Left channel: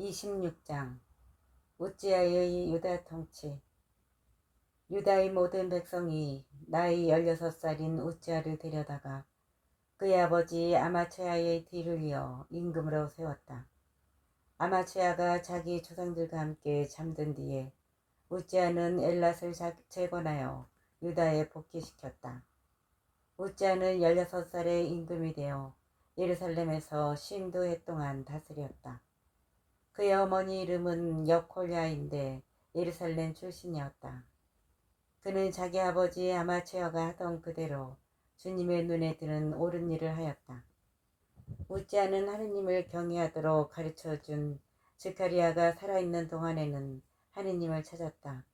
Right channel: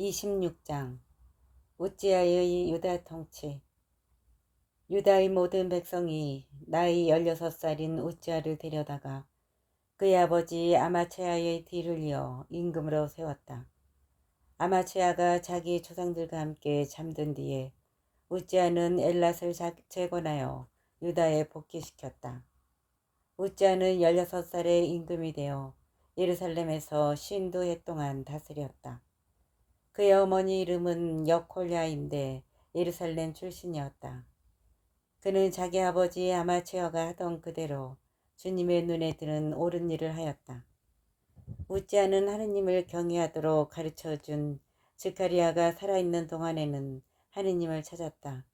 26장 우찌아의 유다 통치. 유다의 모든 백성이 나이 16살인 우찌아를 데려다가 그의 아버지 아마체아의 뒤를 이어 임금으로 세웠다. 아마체아가 자기 조상들과 함께 잠든 뒤에 우찌아는 엘랏을 재건하여 유다에 복귀시켰다. 우찌아는 16살의 임금이 되어 예루살렘에서 52해 동안 다스렸다. 그의 어머니 이름은 여콜야인데 예루살렘 출신이었다. 그는 자기 아버지 아마체아가 하던 그대로 주님의 눈에 드는 옳은 일을 하였다. 우찌아는 하느님을 경외하도록 가르쳐준 스가랴가 살아있는 동안에는 하느님을 찾았다.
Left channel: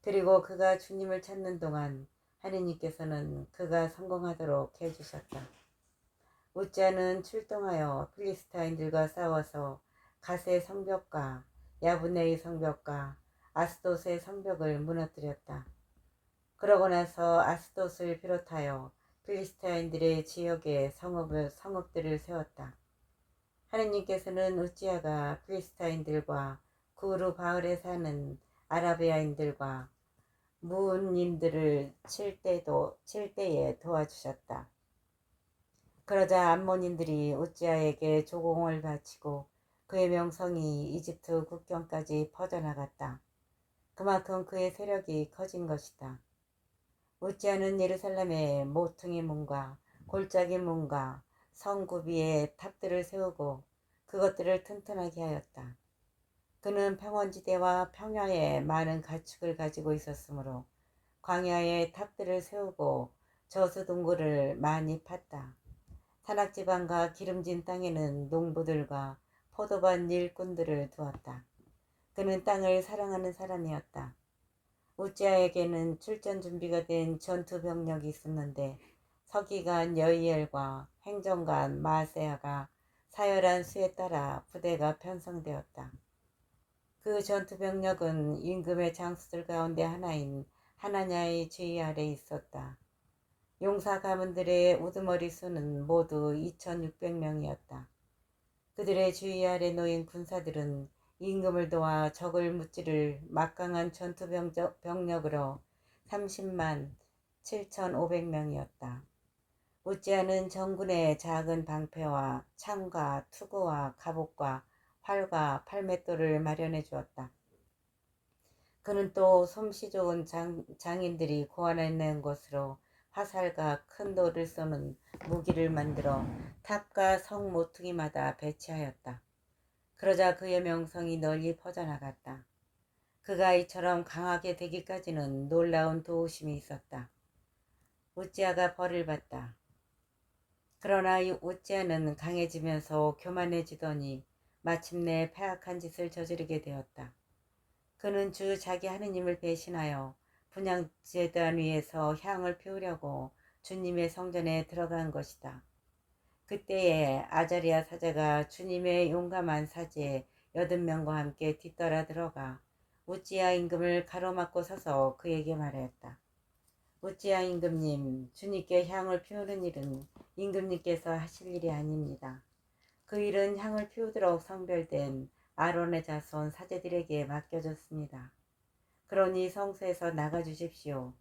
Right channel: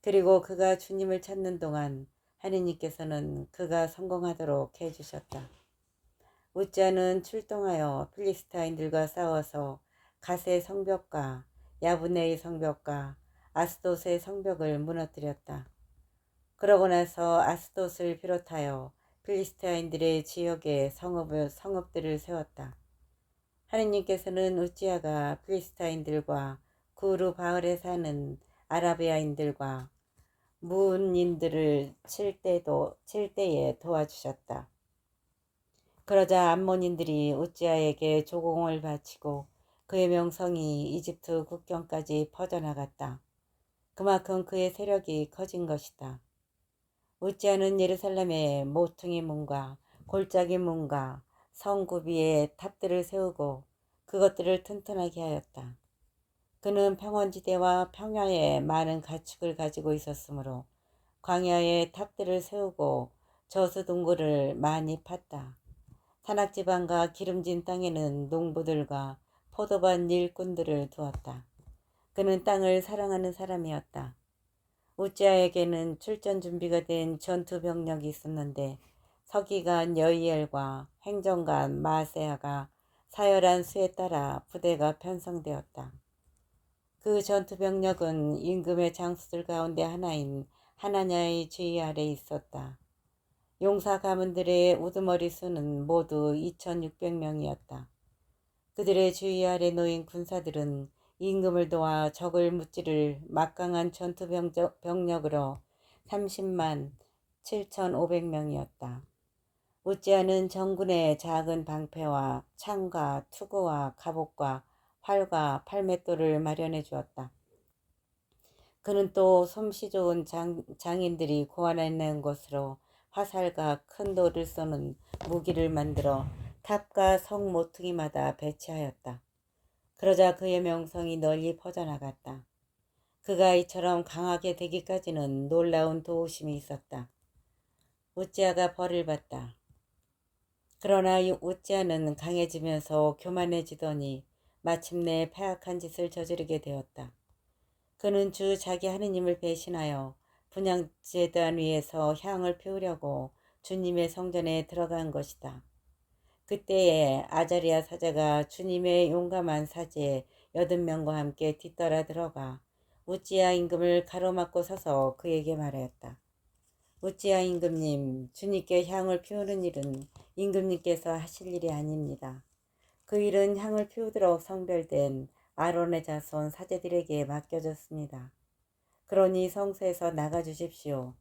그리고 그가 주님을 찾는 동안 하느님께서는 그가 성공하도록 해주셨다. 우찌아는 출동하여 필리스타인들과 싸워서 갓의 성벽과 야브네의 성벽과 아스돗의 성벽을 무너뜨렸다. 그러고 나서 아스돗을 비롯하여 필리스타인들의 지역에 성읍들을 세웠다. 하느님께서는 우찌아가 필리스타인들과 구르 바을에 사는 아라비아인들과 무운인들을 칠 때에 도와주셨다. 그러자 암몬인들이 우찌아에게 조공을 바치고 그의 명성이 이집트 국경까지 퍼져나갔다. 그만큼 그의 세력이 커진 것이다. 우찌아는 예루살렘에 모퉁이 문과 골짜기 문과 성구비에 탑들을 세우고 그것들을 튼튼하게 하였다. 그는 평원지대와 평야에 많은 가축을 가지고 있었으므로 광야에 탑들을 세우고 저수동굴을 많이 팠다. 산악지방과 기름진 땅에는 농부들과 포도밭 일꾼들을 두었다. 그는 땅을 사랑하는 사람이었다. 우찌아에게는 출전 준비가 된 전투 병력이 있었는데 서기관 여이엘과 행정관 마세아가 사열한 수에 따라 부대가 편성되었다. 그 전투 병력은 임금의 장수들 가운데 하나인 하나냐의 지휘 아래 있었다. 용사 가문들의 우두머리 수는 모두 2600명이었다. 그들의 주의 아래 놓인 군사들은 임금을 도와 적을 무찌를 막강한 전투 병력으로 30만 7500명이었다. 우찌아는 정군의 작은 방패와 창과 투구와 갑옷과 활과 팔맷돌을 마련해 주었다. 그는 또 솜씨 좋은 장인들이 고안해낸 것으로 화살과 큰 돌을 쏘는 무기를 만들어 탑과 성 모퉁이마다 배치하였다. 그러자 그의 명성이 널리 퍼져나갔다. 그가 이처럼 강하게 되기까지는 놀라운 도우심이 있었다. 우찌아가 벌을 받다. 그러나 우찌아는 강해지면서 교만해지더니 마침내 패악한 짓을 저지르게 되었다. 그는 주 자기 하느님을 배신하여 분향제단 위에서 향을 피우려고 주님의 성전에 들어간 것이다. 그때에 아자리아 사제가 주님의 용감한 사제 80명과 함께 뒤따라 들어가 우찌아 임금을 가로막고 서서 그에게 말하였다. 우찌아 임금님, 주님께 향을 피우는 일은 임금님께서 하실 일이 아닙니다. 그 일은 향을 피우도록 성별된 아론의 자손 사제들에게 맡겨졌습니다. 그러니 성소에서 나가 주십시오.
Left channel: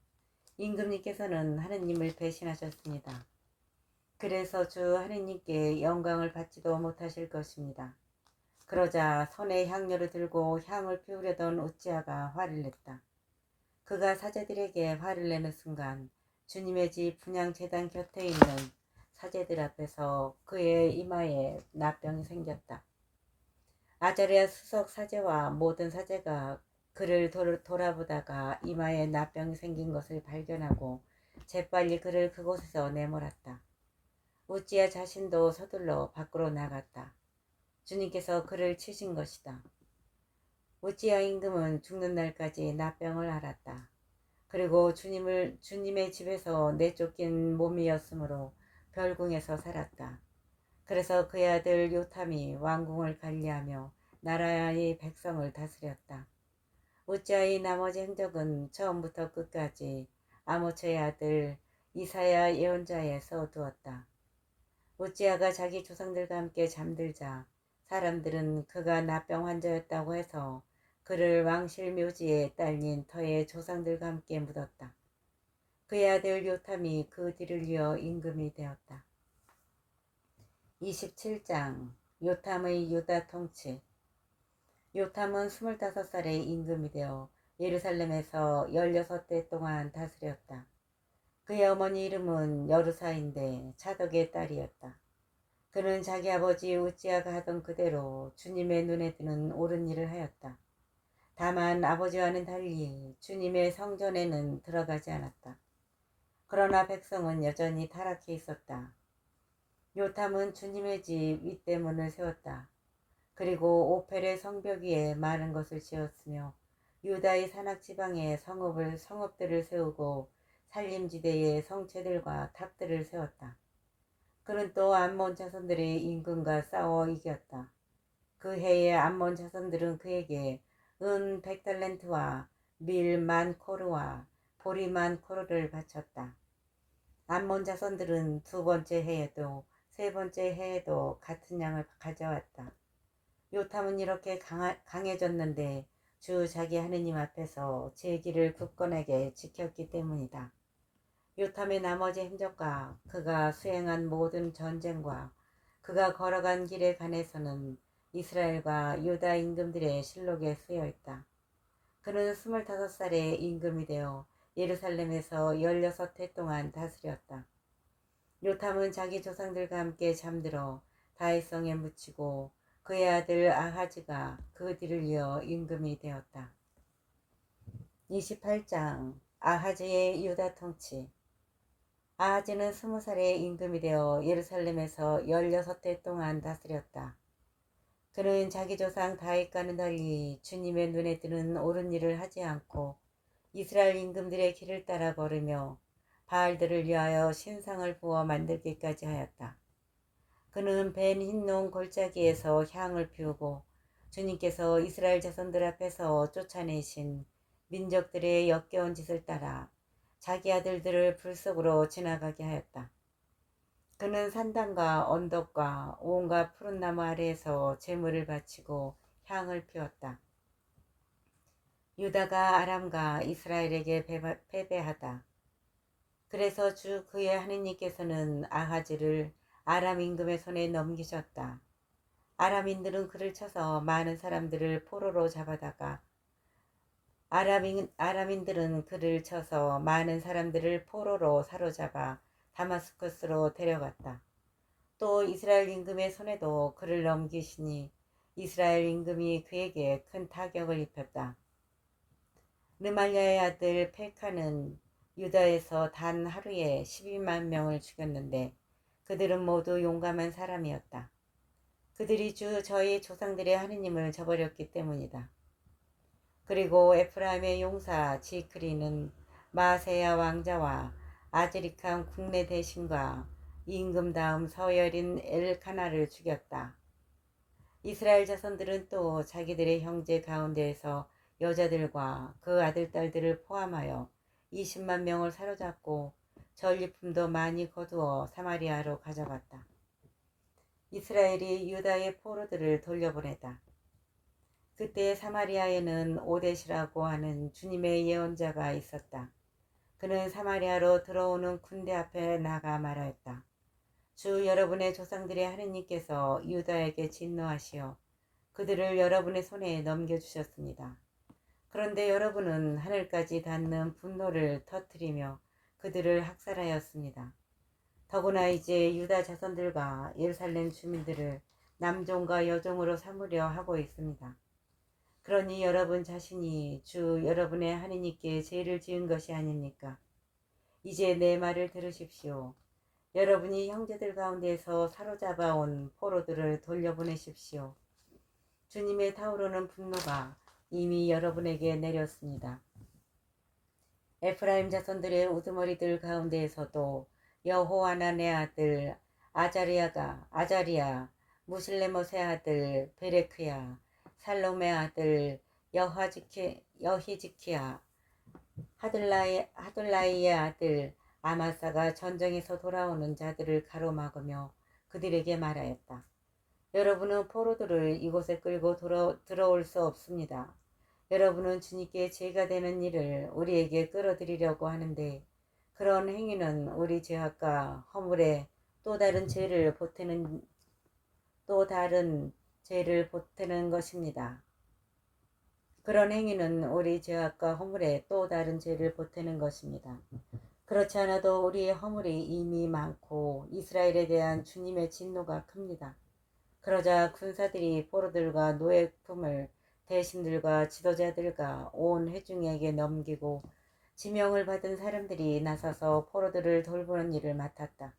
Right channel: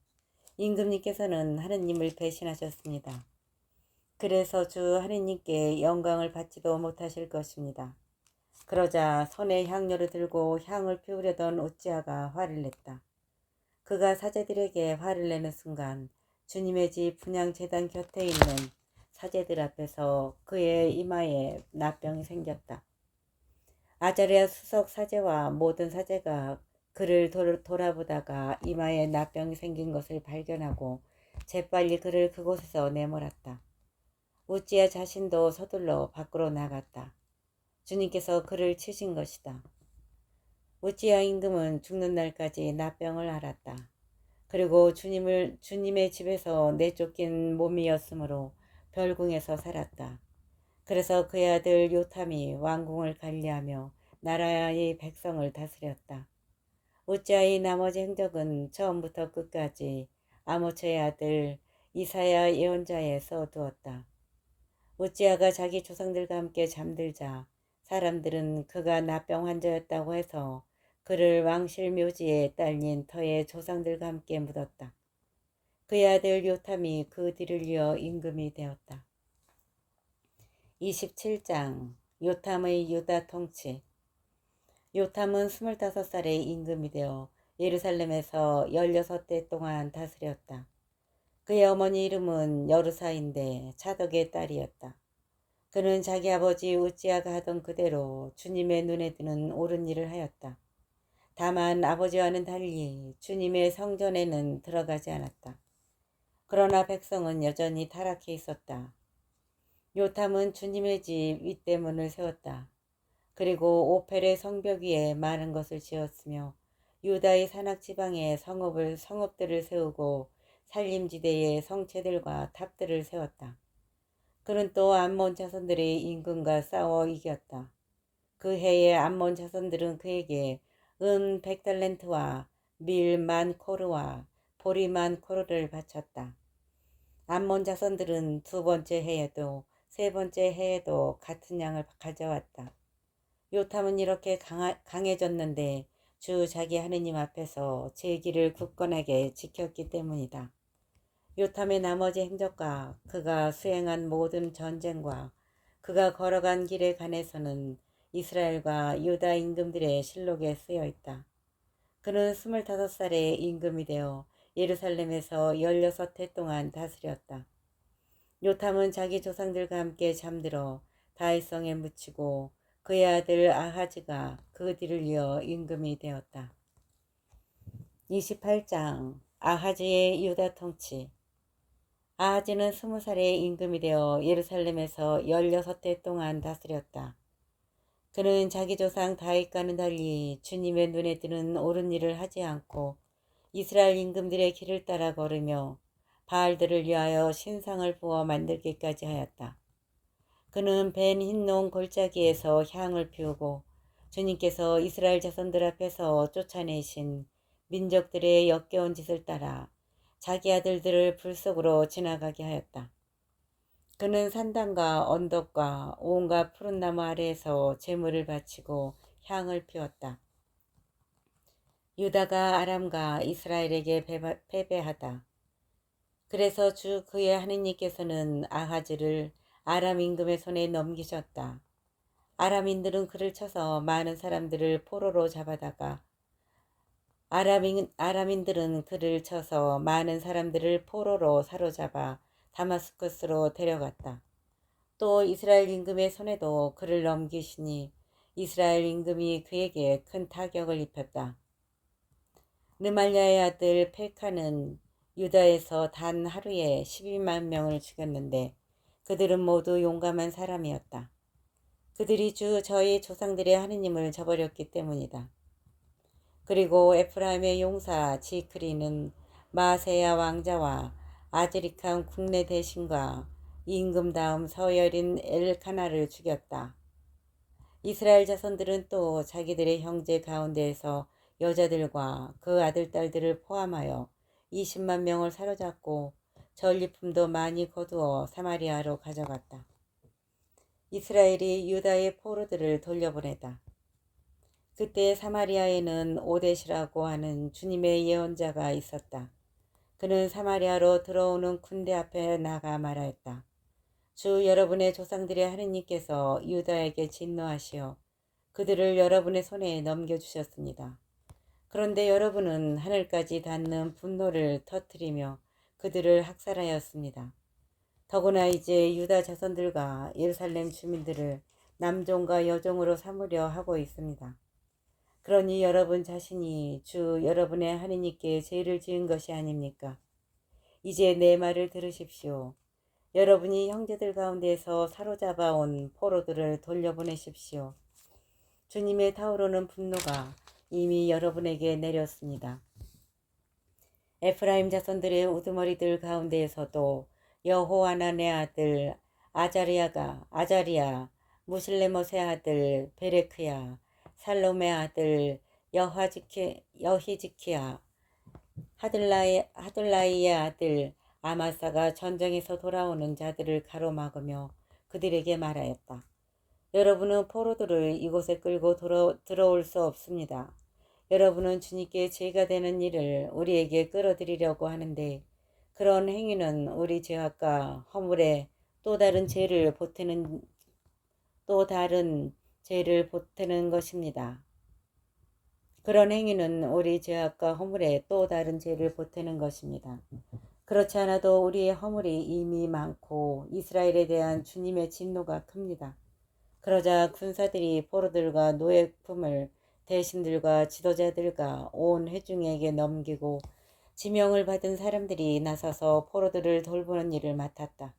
임금님께서는 하느님을 배신하셨습니다. 그래서 주 하느님께 영광을 받지도 못하실 것입니다. 그러자 손에 향료를 들고 향을 피우려던 우찌아가 화를 냈다. 그가 사제들에게 화를 내는 순간 주님의 집 분향제단 곁에 있는 사제들 앞에서 그의 이마에 나병이 생겼다. 아자리아 수석 사제와 모든 사제가 그를 돌아보다가 이마에 나병이 생긴 것을 발견하고 재빨리 그를 그곳에서 내몰았다. 우찌아 자신도 서둘러 밖으로 나갔다. 주님께서 그를 치신 것이다. 우찌아 임금은 죽는 날까지 나병을 앓았다. 그리고 주님의 집에서 내쫓긴 몸이었으므로 별궁에서 살았다. 그래서 그의 아들 요탐이 왕궁을 관리하며 나라의 백성을 다스렸다. 우찌아의 나머지 행적은 처음부터 끝까지 아모스의 아들 이사야 예언자에 써두었다. 우찌아가 자기 조상들과 함께 잠들자 사람들은 그가 나병 환자였다고 해서 그를 왕실 묘지에 딸린 터의 조상들과 함께 묻었다. 그의 아들 요탐이 그 뒤를 이어 임금이 되었다. 27장 요탐의 유다 통치. 요탐은 25살에 임금이 되어 예루살렘에서 16대 동안 다스렸다. 그의 어머니 이름은 여르사인데 차덕의 딸이었다. 그는 자기 아버지 우찌아가 하던 그대로 주님의 눈에 드는 옳은 일을 하였다. 다만 아버지와는 달리 주님의 성전에는 들어가지 않았다. 그러나 백성은 여전히 타락해 있었다. 요탐은 주님의 집 윗대문을 세웠다. 그리고 오펠의 성벽 위에 많은 것을 지었으며 유다의 산악지방에 성읍들을 세우고 산림지대에 성체들과 탑들을 세웠다. 그는 또 암몬 자손들의 임금과 싸워 이겼다. 그 해에 암몬 자손들은 그에게 은 100달란트와 밀 10,000코르와 보리 10,000코르를 바쳤다. 암몬 자손들은 두 번째 해에도 세 번째 해에도 같은 양을 가져왔다. 요탐은 이렇게 강해졌는데 주 자기 하느님 앞에서 제 길을 굳건하게 지켰기 때문이다. 요탐의 나머지 행적과 그가 수행한 모든 전쟁과 그가 걸어간 길에 관해서는 이스라엘과 유다 임금들의 실록에 쓰여 있다. 그는 25살에 임금이 되어 예루살렘에서 16해 동안 다스렸다. 요탐은 자기 조상들과 함께 잠들어 다윗성에 묻히고 그의 아들 아하즈가 그 뒤를 이어 임금이 되었다. 28장 아하즈의 유다 통치. 아하즈는 20살에 임금이 되어 예루살렘에서 16해 동안 다스렸다. 그는 자기 조상 다윗과는 달리 주님의 눈에 드는 옳은 일을 하지 않고 이스라엘 임금들의 길을 따라 걸으며 바알들을 위하여 신상을 부어 만들기까지 하였다. 그는 벤 힌논 골짜기에서 향을 피우고 주님께서 이스라엘 자손들 앞에서 쫓아내신 민족들의 역겨운 짓을 따라 자기 아들들을 불 속으로 지나가게 하였다. 그는 산단과 언덕과 온갖 푸른 나무 아래에서 제물을 바치고 향을 피웠다. 유다가 아람과 이스라엘에게 패배하다. 그래서 주 그의 하느님께서는 아하즈를 아람 임금의 손에 넘기셨다. 아람인들은 그를 쳐서 많은 사람들을 포로로 잡아다가 아람인들은 그를 쳐서 많은 사람들을 포로로 사로잡아 다마스쿠스로 데려갔다. 또 이스라엘 임금의 손에도 그를 넘기시니 이스라엘 임금이 그에게 큰 타격을 입혔다. 르말랴의 아들 페카는 유다에서 단 하루에 12만 명을 죽였는데 그들은 모두 용감한 사람이었다. 그들이 저희 조상들의 하느님을 저버렸기 때문이다. 그리고 에프라임의 용사 지크리는 마세야 왕자와 아즈리칸 국내 대신과 임금 다음 서열인 엘카나를 죽였다. 이스라엘 자손들은 또 자기들의 형제 가운데에서 여자들과 그 아들, 딸들을 포함하여 20만 명을 사로잡고 전리품도 많이 거두어 사마리아로 가져갔다. 이스라엘이 유다의 포로들을 돌려보내다. 그때 사마리아에는 오데시라고 하는 주님의 예언자가 있었다. 그는 사마리아로 들어오는 군대 앞에 나가 말하였다. 주 여러분의 조상들의 하느님께서 유다에게 진노하시어 그들을 여러분의 손에 넘겨주셨습니다. 그런데 여러분은 하늘까지 닿는 분노를 터뜨리며 그들을 학살하였습니다. 더구나 이제 유다 자손들과 예루살렘 주민들을 남종과 여종으로 삼으려 하고 있습니다. 그러니 여러분 자신이 주 여러분의 하느님께 죄를 지은 것이 아닙니까? 이제 내 말을 들으십시오. 여러분이 형제들 가운데서 사로잡아 온 포로들을 돌려보내십시오. 주님의 타오르는 분노가 이미 여러분에게 내렸습니다. 에프라임 자손들의 우두머리들 가운데에서도 여호하난의 아들 아자리야, 무실레못의 아들 베레크야, 살롬의 아들 여히지키야, 하둘라이의 아들 아마사가 전쟁에서 돌아오는 자들을 가로막으며 그들에게 말하였다. 여러분은 포로들을 이곳에 끌고 들어올 수 없습니다. 여러분은 주님께 죄가 되는 일을 우리에게 끌어들이려고 하는데 그런 행위는 우리 죄악과 허물에 또 다른 죄를 보태는 것입니다. 그런 행위는 우리 죄악과 허물에 또 다른 죄를 보태는 것입니다. 그렇지 않아도 우리의 허물이 이미 많고 이스라엘에 대한 주님의 진노가 큽니다. 그러자 군사들이 포로들과 노예품을 대신들과 지도자들과 온 회중에게 넘기고 지명을 받은 사람들이 나서서 포로들을 돌보는 일을 맡았다.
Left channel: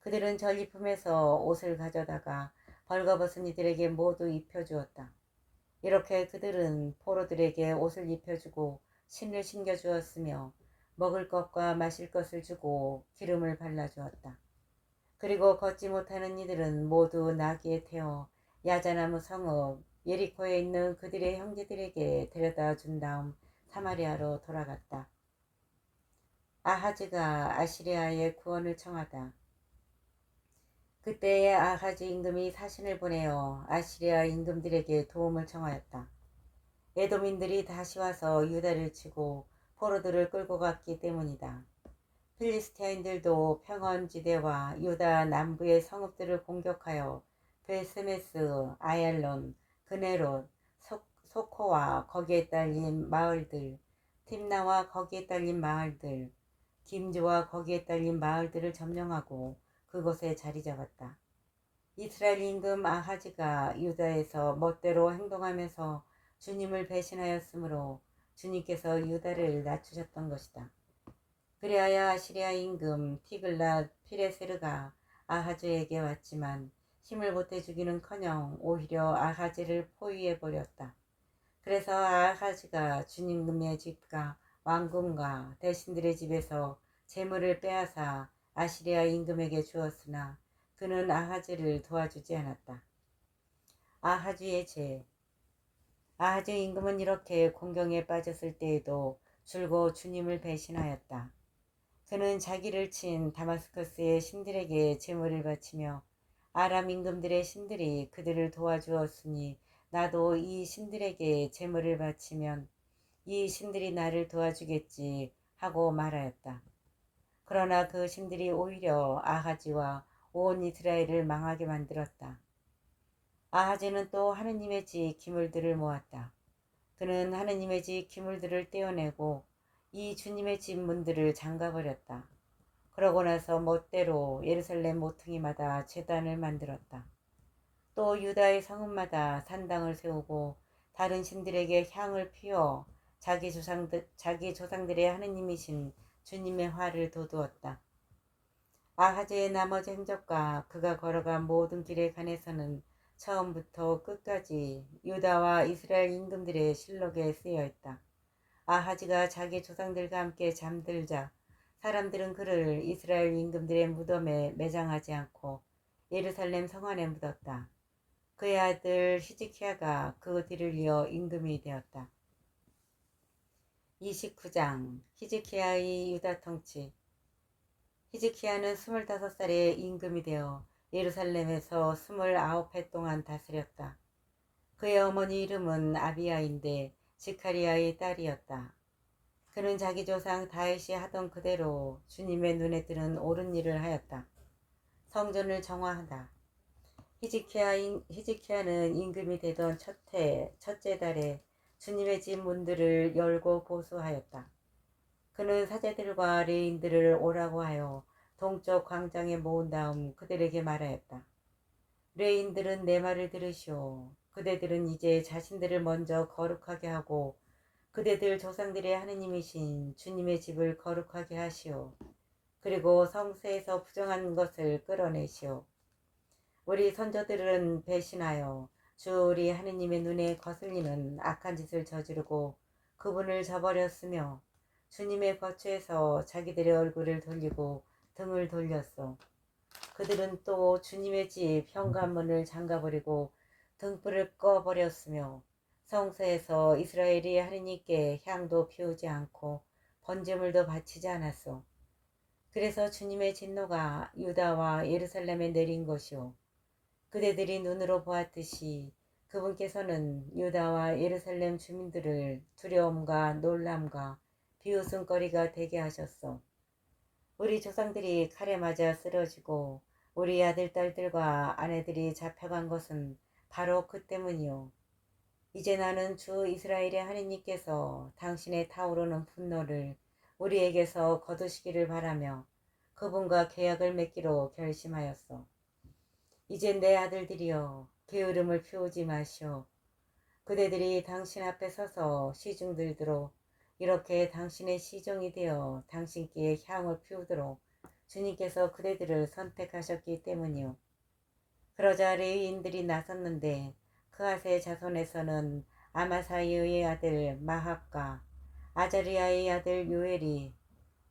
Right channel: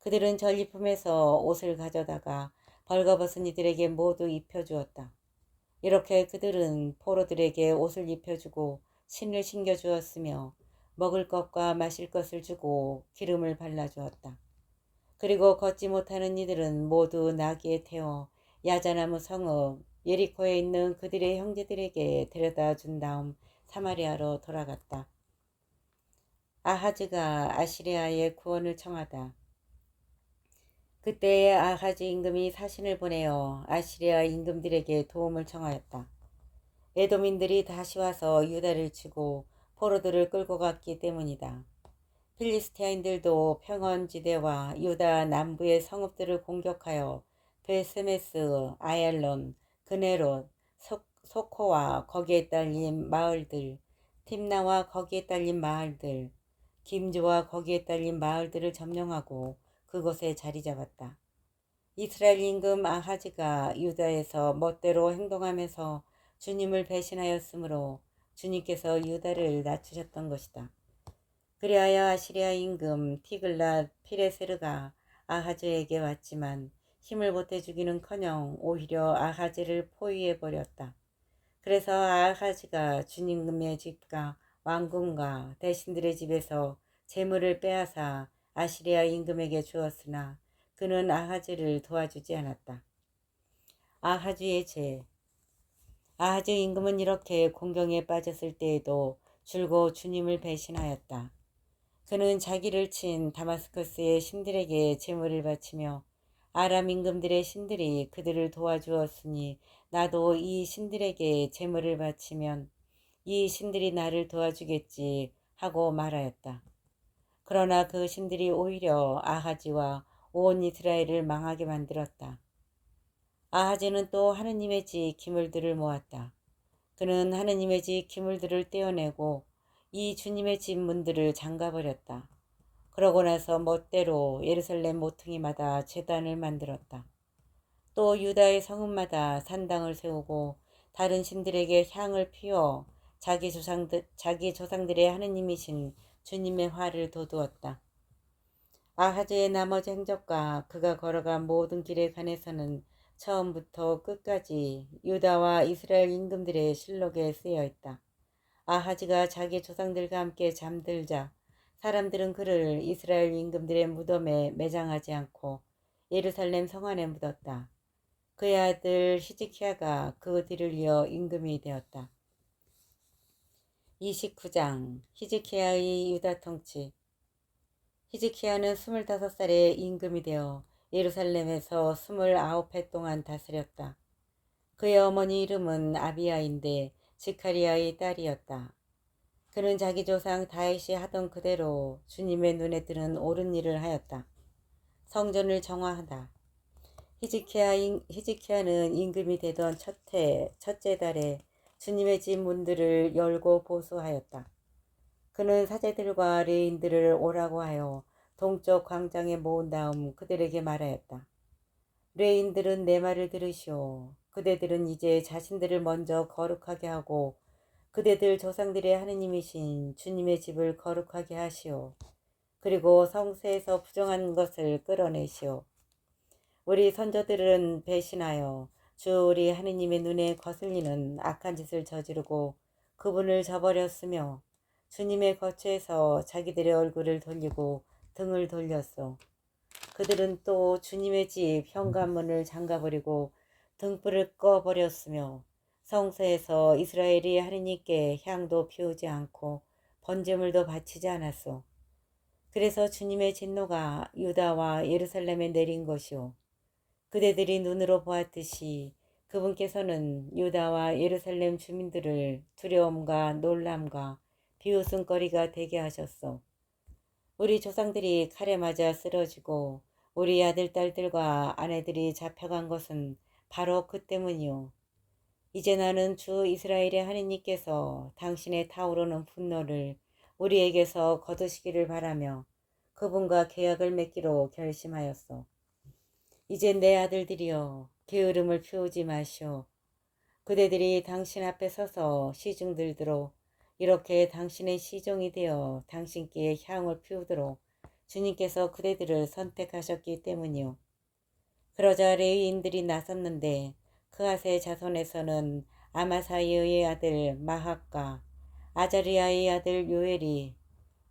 그들은 전리품에서 옷을 가져다가 벌거벗은 이들에게 모두 입혀주었다. 이렇게 그들은 포로들에게 옷을 입혀주고 신을 신겨주었으며 먹을 것과 마실 것을 주고 기름을 발라주었다. 그리고 걷지 못하는 이들은 모두 나귀에 태워 야자나무 성읍 예리코에 있는 그들의 형제들에게 데려다 준 다음 사마리아로 돌아갔다. 아하즈가 아시리아의 구원을 청하다. 그때에 아하즈 임금이 사신을 보내어 아시리아 임금들에게 도움을 청하였다. 에돔인들이 다시 와서 유다를 치고 포로들을 끌고 갔기 때문이다. 필리스티아인들도 평원지대와 유다 남부의 성읍들을 공격하여 베세메스, 아얄론, 그네롯, 소코와 거기에 딸린 마을들, 팀나와 거기에 딸린 마을들, 김주와 거기에 딸린 마을들을 점령하고 그곳에 자리 잡았다. 이스라엘 임금 아하즈가 유다에서 멋대로 행동하면서 주님을 배신하였으므로 주님께서 유다를 낮추셨던 것이다. 그리하여 아시리아 임금 티글랏 피레세르가 아하즈에게 왔지만 힘을 보태 주기는커녕 오히려 아하즈를 포위해버렸다. 그래서 아하즈가 주님의 집과 왕궁과 대신들의 집에서 재물을 빼앗아 아시리아 임금에게 주었으나 그는 아하즈를 도와주지 않았다. 아하즈의 죄. 아하즈 임금은 이렇게 공경에 빠졌을 때에도 줄곧 주님을 배신하였다. 그는 자기를 친 다마스커스의 신들에게 제물을 바치며 아람 임금들의 신들이 그들을 도와주었으니 나도 이 신들에게 제물을 바치면 이 신들이 나를 도와주겠지 하고 말하였다. 그러나 그 신들이 오히려 아하지와 온 이스라엘을 망하게 만들었다. 아하지는 또 하느님의 집 기물들을 모았다. 그는 하느님의 집 기물들을 떼어내고 이 주님의 집 문들을 잠가버렸다. 그러고 나서 멋대로 예루살렘 모퉁이마다 제단을 만들었다. 또 유다의 성읍마다 산당을 세우고 다른 신들에게 향을 피워 자기 조상들의 하느님이신 주님의 화를 돋우었다. 아하즈의 나머지 행적과 그가 걸어간 모든 길에 관해서는 처음부터 끝까지 유다와 이스라엘 임금들의 실록에 쓰여 있다. 아하즈가 자기 조상들과 함께 잠들자 사람들은 그를 이스라엘 임금들의 무덤에 매장하지 않고 예루살렘 성 안에 묻었다. 그의 아들 히즈키야가 그 뒤를 이어 임금이 되었다. 29장 히즈키야의 유다 통치. 히즈키야는 25살에 임금이 되어 예루살렘에서 29해 동안 다스렸다. 그의 어머니 이름은 아비야인데 지카리아의 딸이었다. 그는 자기 조상 다윗이 하던 그대로 주님의 눈에 드는 옳은 일을 하였다. 성전을 정화하다. 히즈키야는 임금이 되던 첫째 달에 주님의 집 문들을 열고 보수하였다. 그는 사제들과 레인들을 오라고 하여 동쪽 광장에 모은 다음 그들에게 말하였다. 레인들은 내 말을 들으시오. 그대들은 이제 자신들을 먼저 거룩하게 하고 그대들 조상들의 하느님이신 주님의 집을 거룩하게 하시오. 그리고 성세에서 부정한 것을 끌어내시오. 우리 선조들은 배신하여 주 우리 하느님의 눈에 거슬리는 악한 짓을 저지르고 그분을 저버렸으며 주님의 거처에서 자기들의 얼굴을 돌리고 등을 돌렸소. 그들은 또 주님의 집 현관문을 잠가버리고 등불을 꺼버렸으며 성소에서 이스라엘이 하느님께 향도 피우지 않고 번제물도 바치지 않았소. 그래서 주님의 진노가 유다와 예루살렘에 내린 것이오. 그대들이 눈으로 보았듯이 그분께서는 유다와 예루살렘 주민들을 두려움과 놀람과 비웃음거리가 되게 하셨소. 우리 조상들이 칼에 맞아 쓰러지고 우리 아들, 딸들과 아내들이 잡혀간 것은 바로 그 때문이요. 이제 나는 주 이스라엘의 하느님께서 당신의 타오르는 분노를 우리에게서 거두시기를 바라며 그분과 계약을 맺기로 결심하였소. 이제 내 아들들이여, 게으름을 피우지 마시오. 그대들이 당신 앞에 서서 시중 들도록 이렇게 당신의 시종이 되어 당신께 향을 피우도록 주님께서 그대들을 선택하셨기 때문이요. 그러자 레위인들이 나섰는데 그앗의 자손에서는 아마사이의 아들 마학과 아자리아의 아들 요엘이,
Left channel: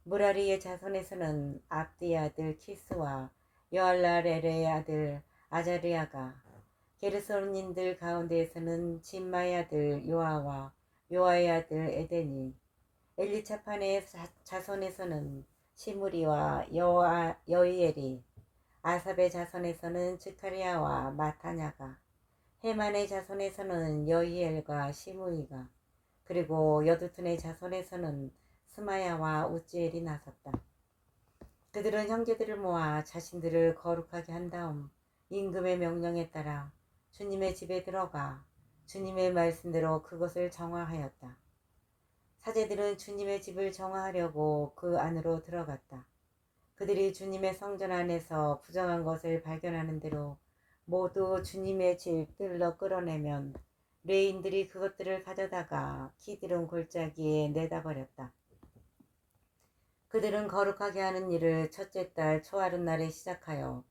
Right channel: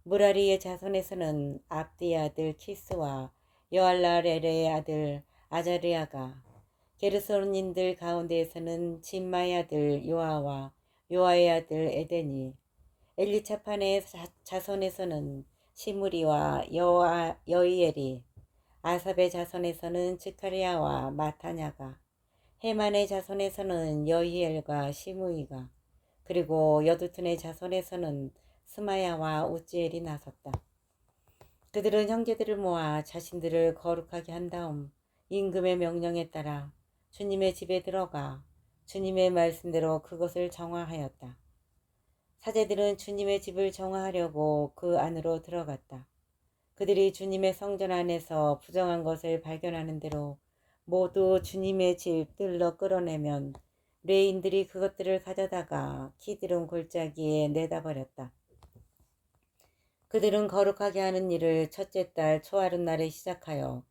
무라리의 자손에서는 압디의 아들 키스와 여알라렐의 아들 아자리아가, 게르손인들 가운데에서는 진마의 아들 요아와 요아의 아들 에덴이, 엘리차판의 자손에서는 시므리와 여이엘이, 아삽의 자손에서는 즈카리아와 마타냐가, 헤만의 자손에서는 여히엘과 시므이가, 그리고 여두툰의 자손에서는 스마야와 우지엘이 나섰다. 그들은 형제들을 모아 자신들을 거룩하게 한 다음 임금의 명령에 따라 주님의 집에 들어가 주님의 말씀대로 그것을 정화하였다. 사제들은 주님의 집을 정화하려고 그 안으로 들어갔다. 그들이 주님의 성전 안에서 부정한 것을 발견하는 대로 모두 주님의 집 뜰러 끌어내면 레인들이 그것들을 가져다가 키드론 골짜기에 내다 버렸다. 그들은 거룩하게 하는 일을 첫째 달 초하룻날에 시작하여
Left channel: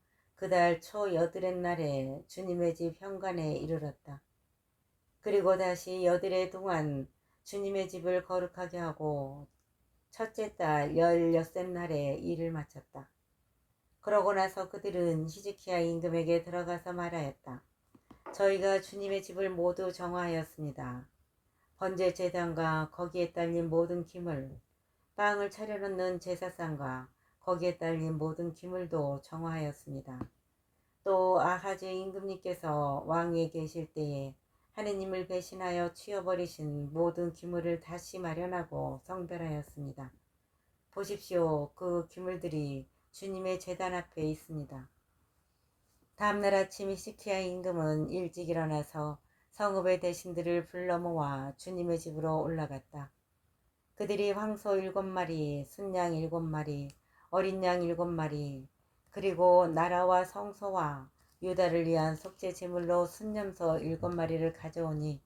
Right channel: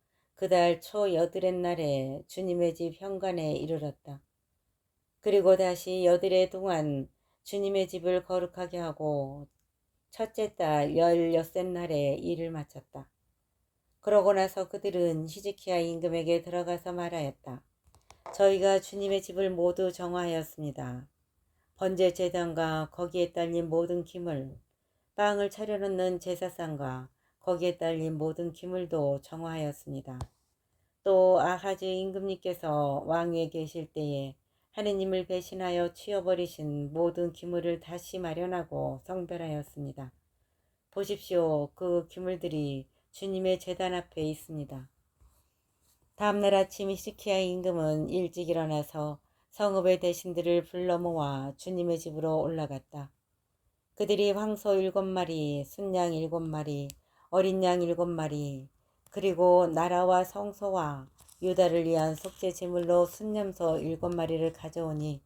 그 달 초여드렛 날에 주님의 집 현관에 이르렀다. 그리고 다시 여드레 동안 주님의 집을 거룩하게 하고 첫째 달 16셋 날에 일을 마쳤다. 그러고 나서 그들은 히즈키야 임금에게 들어가서 말하였다. 저희가 주님의 집을 모두 정화하였습니다. 번제 제단과 거기에 딸린 모든 기물, 빵을 차려놓는 제사상과 거기에 딸린 모든 기물도 정화하였습니다. 또 아하즈 임금님께서 왕위에 계실 때에 하느님을 배신하여 치워버리신 모든 기물을 다시 마련하고 성별하였습니다. 보십시오. 그 기물들이 주님의 제단 앞에 있습니다. 다음날 아침 히스키야 임금은 일찍 일어나서 성읍의 대신들을 불러 모아 주님의 집으로 올라갔다. 그들이 황소 7마리, 순양 7마리, 어린 양 7마리, 그리고 나라와 성소와 유다를 위한 속죄 제물로 순념소 7마리를 가져오니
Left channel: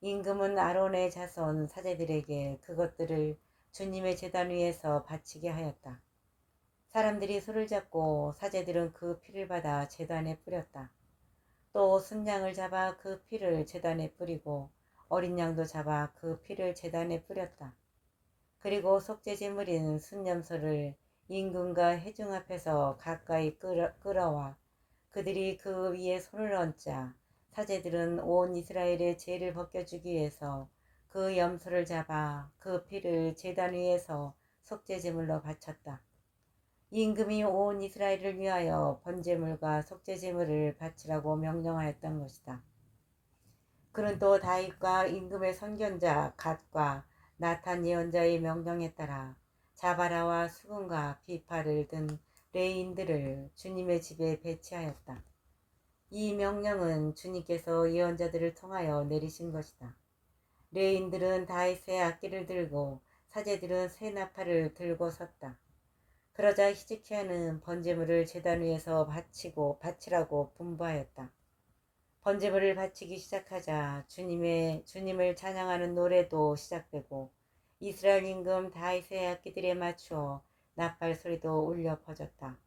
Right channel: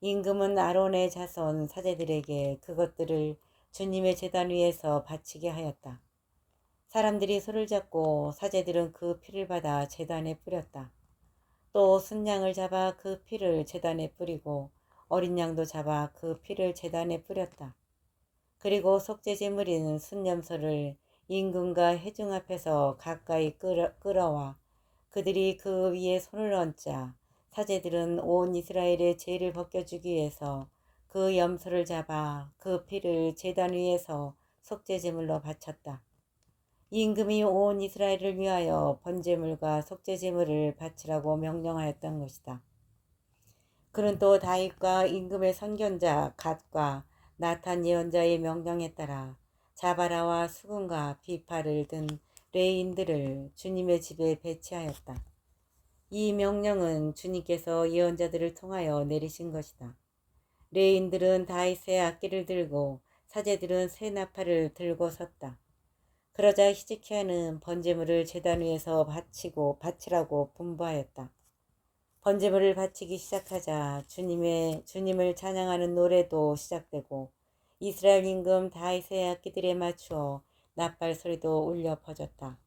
임금은 아론의 자손 사제들에게 그것들을 주님의 제단 위에서 바치게 하였다. 사람들이 소를 잡고 사제들은 그 피를 받아 제단에 뿌렸다. 또 순양을 잡아 그 피를 제단에 뿌리고 어린 양도 잡아 그 피를 제단에 뿌렸다. 그리고 속죄제물인 순념소를 임금과 회중 앞에서 가까이 끌어와 그들이 그 위에 손을 얹자 사제들은 온 이스라엘의 죄를 벗겨주기 위해서 그 염소를 잡아 그 피를 제단 위에서 속죄제물로 바쳤다. 임금이 온 이스라엘을 위하여 번제물과 속죄제물을 바치라고 명령하였던 것이다. 그는 또 다윗과 임금의 선견자 갓과 나탄 예언자의 명령에 따라 자바라와 수군과 비파를 든 레인들을 주님의 집에 배치하였다. 이 명령은 주님께서 예언자들을 통하여 내리신 것이다. 레인들은 다윗의 악기를 들고 사제들은 새 나팔을 들고 섰다. 그러자 히즈키야는 번제물을 제단 위에서 바치라고 분부하였다. 번제물을 바치기 시작하자 주님을 찬양하는 노래도 시작되고 이스라엘 임금 다윗의 악기들에 맞추어 나팔 소리도 울려 퍼졌다.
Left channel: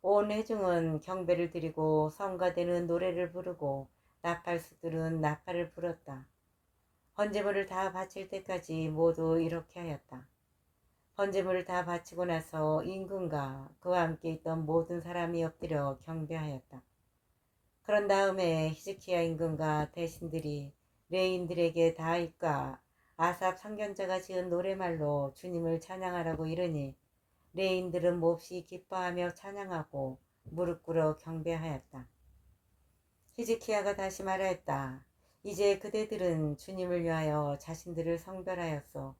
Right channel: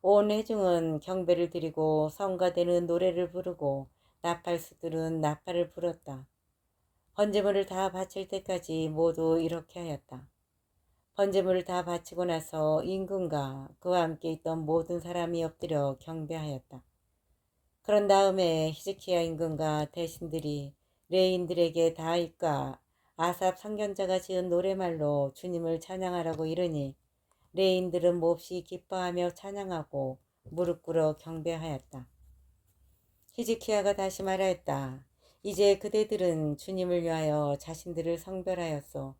온 회중은 경배를 드리고 성가되는 노래를 부르고 나팔수들은 나팔을 불었다. 번제물을 다 바칠 때까지 모두 이렇게 하였다. 번제물을 다 바치고 나서 임금과 그와 함께 있던 모든 사람이 엎드려 경배하였다. 그런 다음에 히즈키야 임금과 대신들이 레인들에게 다윗과 아삽 상견자가 지은 노래말로 주님을 찬양하라고 이르니 레인들은 몹시 기뻐하며 찬양하고 무릎 꿇어 경배하였다. 히즈키야가 다시 말하였다. 이제 그대들은 주님을 위하여 자신들을 성별하였소.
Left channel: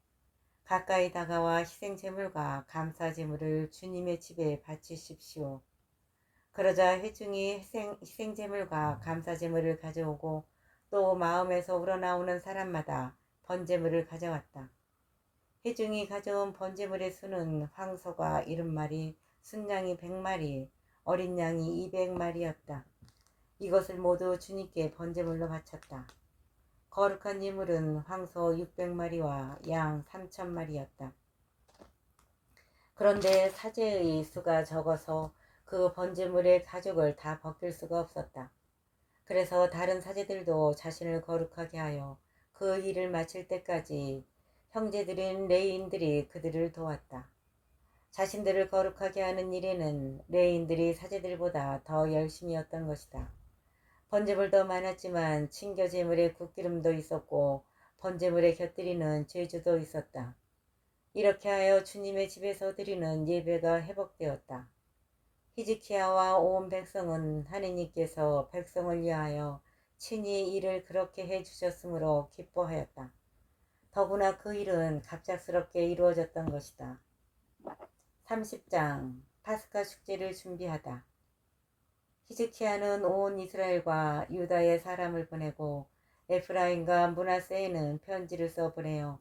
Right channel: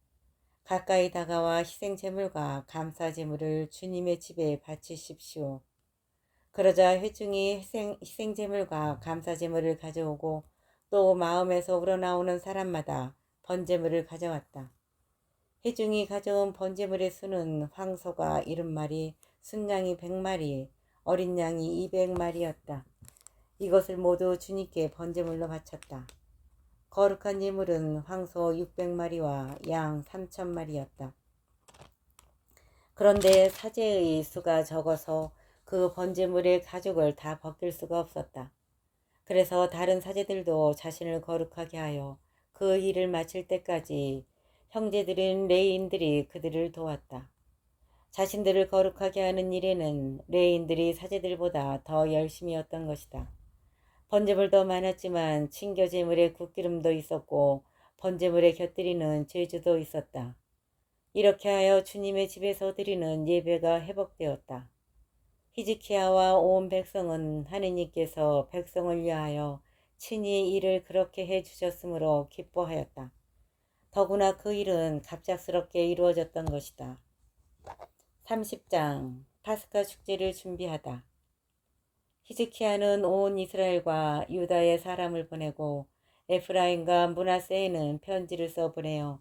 가까이 다가와 희생제물과 감사제물을 주님의 집에 바치십시오. 그러자 회중이 희생제물과 감사제물을 가져오고 또 마음에서 우러나오는 사람마다 번제물을 가져왔다. 회중이 가져온 번제물의 수는 황소가 70마리, 순양이 100마리, 어린 양이 200마리였다. 이것을 모두 주님께 번제물로 바쳤다. 거룩한 예물은 황소 600마리와 양 3000마리였다. 그런데 사제의 수가 적어서 그 번제물의 가죽을 다 벗길 수가 없었다. 그래서 다른 사제들도 자신을 거룩하게 하여 그 일을 마칠 때까지 형제들인 레위인들이 그들을 도왔다. 자신들을 거룩하게 하는 일에는 레위인들이 사제들보다 더 열심이었던 것이다. 번제물도 많았지만 친교제물에 굿기름도 있었고 번제물에 곁들이는 제주도 있었다. 이렇게 하여 주님의 집에서 드리는 예배가 회복되었다. 히즈키야와 온 백성은 하느님께서 백성을 위하여 친히 일을 그렇게 해주셨으므로 기뻐하였다. 더구나 그 일은 갑작스럽게 이루어졌던 것이다. 30장 파스카 축제를 준비하다. 히즈키야는 온 이스라엘과 유다의 사람을 보내고 에프라임과 므낫세에는 편지를 써 보내어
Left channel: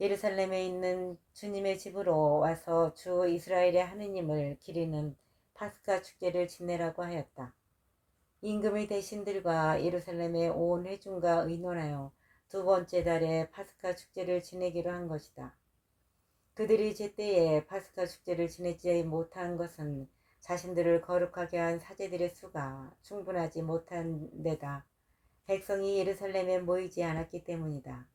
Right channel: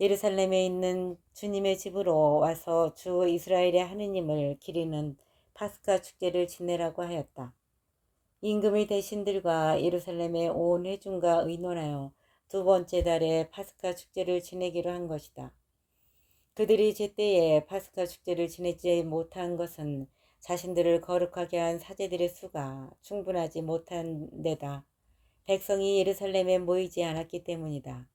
예루살렘에 있는 주님의 집으로 와서 주 이스라엘의 하느님을 기리는 파스카 축제를 지내라고 하였다. 임금의 대신들과 예루살렘의 온 회중과 의논하여 두 번째 달에 파스카 축제를 지내기로 한 것이다. 그들이 제때에 파스카 축제를 지내지 못한 것은 자신들을 거룩하게 한 사제들의 수가 충분하지 못한 데다 백성이 예루살렘에 모이지 않았기 때문이다.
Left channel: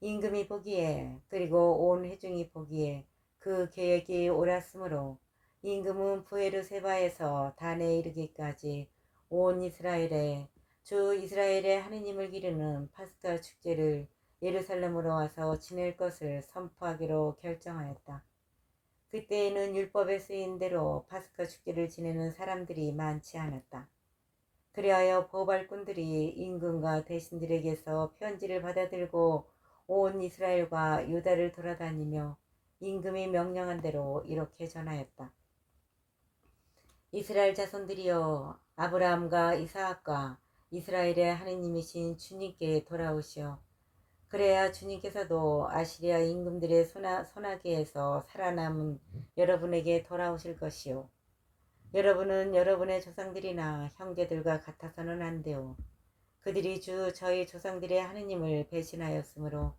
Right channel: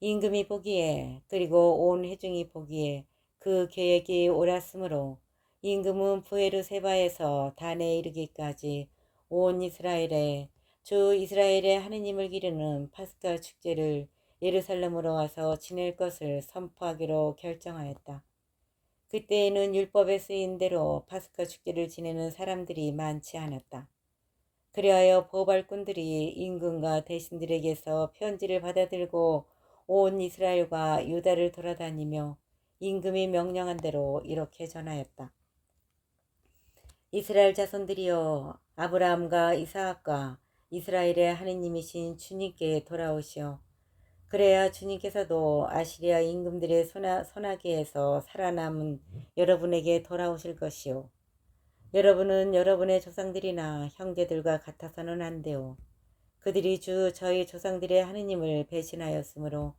임금이 보기에 그리고 온 회중이 보기에 그 계획이 옳았으므로 임금은 부에르세바에서 단에 이르기까지 온 이스라엘에 주 이스라엘의 하느님을 기르는 파스카 축제를 예루살렘으로 와서 지낼 것을 선포하기로 결정하였다. 그때에는 율법에 쓰인 대로 파스카 축제를 지내는 사람들이 많지 않았다. 그리하여 보발꾼들이 임금과 대신들에게서 편지를 받아들고 온 이스라엘과 유다를 돌아다니며 임금이 명령한 대로 이렇게 전하였다. 이스라엘 자손들이여, 아브라함과 이사학과 이스라엘의 하느님이신 주님께 돌아오시오. 그래야 주님께서도 아시리아 임금들의 손아귀에서 살아남은 여러분에게 돌아오실 것이요. 여러분은 여러분의 조상들이나 형제들과 같아서는 안 돼요. 그들이 저희 조상들의 하느님을 배신하였으므로